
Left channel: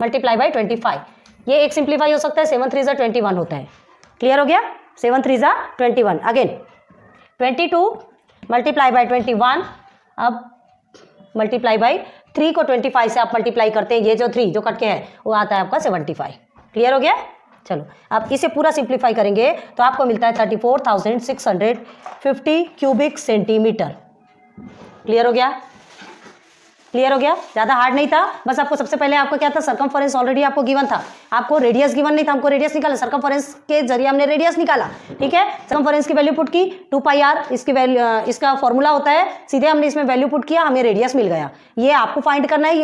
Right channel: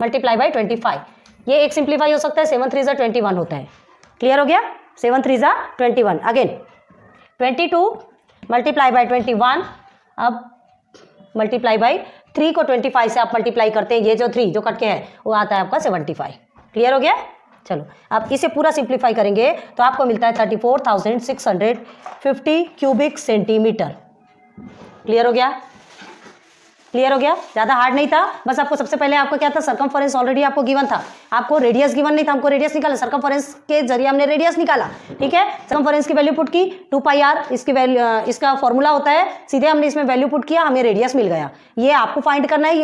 मल्टीप्लाई बाई 25। ये एक सिंप्लीफाई हो सकता है, 7 3 ज़ा 21 होता है। क्लियर हो गया, 7 3 ज़ा 21। अगेन 22 मल्टीप्लाई बाई 21, अब मल्टीप्लाई बाई 3 को 25 से आप मल्टीप्लाई करते हैं, ये जो 3 जो कट के है वो आता है आपका 75। क्लियर हो गया, चलो अब इसे पूरा सिंप्लीफाई करेंगे तो आपको मिलता है 34,650 क्यूबिक सेंटीमीटर। क्लियर हो गया, क्लियर हो गया, ज़्यादा हार्ड नहीं था। बस आपको सबसे पहले आपको क्या था, सर्कमफरेंस ऑलरेडी आपको गिवन था, आपको रेडियस गिवन नहीं था, हमको रेडियस निकाला, सर्कमफरेंस के जरिए हमने रेडियस निकाला। ठीक है, सर्कमफरेंस की वैल्यू पुट की 2 पाई आर, इसकी वैल्यू, इसका फॉर्मूला होता है, सीधे हमने इसमें वैल्यू पुट किया, हमें रेडियस मिल गया। ये आपको फाइंड करना है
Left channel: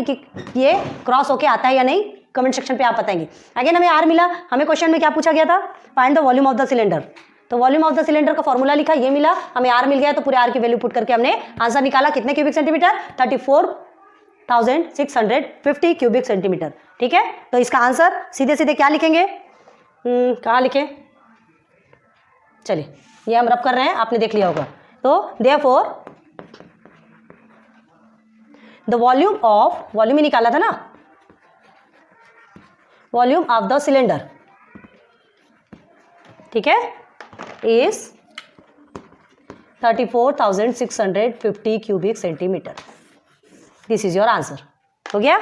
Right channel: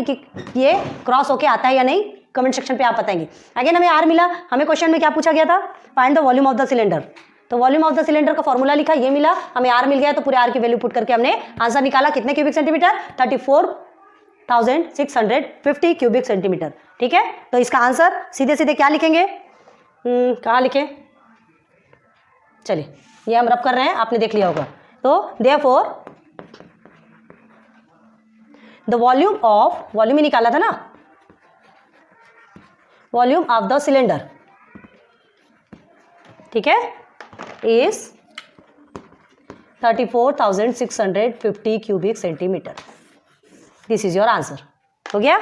ये क्रॉस होके आता है या नहीं, कमेंट सेक्शन पे आप बताएंगे। अगेन हमें आर मिला, हमें क्वेश्चन में क्या पूछा गया था, find the volume of the cylinder. तो वॉल्यूम ऑफ द सिलेंडर का फॉर्मूला लिखा, ये मिला, हमें आर मिल गया, तो पूरे आर की वैल्यू पुट करके हमने आंसर निकाला। कितने क्यूबिक सेंटीमीटर? 34,650 cubic centimetre. ठीक है, तो इसका आंसर सीधे सीधे क्या लिखेंगे? कहाँ लिखें? चलिए, ये हम रब कर रहे हैं, आपने देख लिया होगा। तो therefore the volume of, volume ही निकाला था ना, वॉल्यूम ऑफ द सिलेंडर, ठीक है, is 34,650 cubic centimetre. This is your answer. हो गया?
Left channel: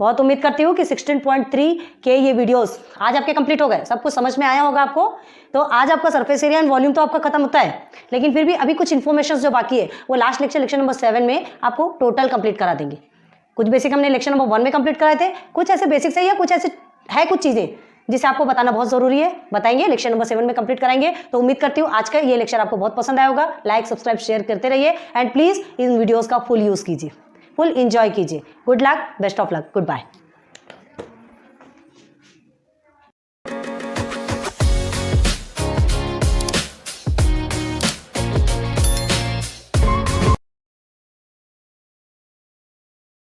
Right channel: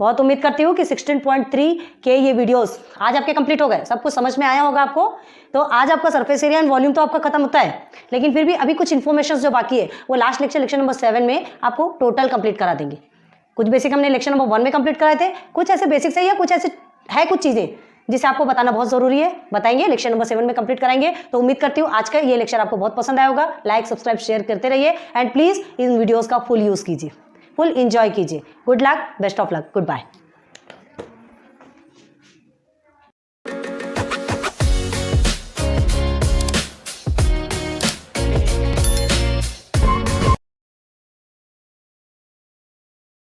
बहुत उम्मीद करती हूँ कि 16.3 के ये वीडियोस आज आपके कंप्लीट हो गए, सब कुछ समझ में आया होगा आपको। तो आज आपका सरफेस एरिया एंड वॉल्यूम तो आपका खत्म होता है, लेकिन फिर भी अभी कुछ इन्फॉर्मेशन जो बाकी है वो लास्ट लेक्चर नंबर 7 में आपको टोटल कंप्लीट करा देंगे। कुछ बेसिक हमने लेक्चर नंबर 1 में कंप्लीट कराए थे, कुछ ऐसे बेसिक से, या कुछ ऐसे है कुछ चीज़ें जिसे आपको बताना बहुत जरूरी है, बताएंगे, लेक्चर नंबर 7 में कंप्लीट कराएंगे। तो उम्मीद करती हूँ आज का ये लेक्चर आपको बहुत पसंद आया होगा। लाइक, सब्सक्राइब, शेयर करते रहिए एंड प्लीज इन वीडियोस का फुल यूज कीजिए, फुल एंजॉय कीजिए। Good luck, best of luck, good bye.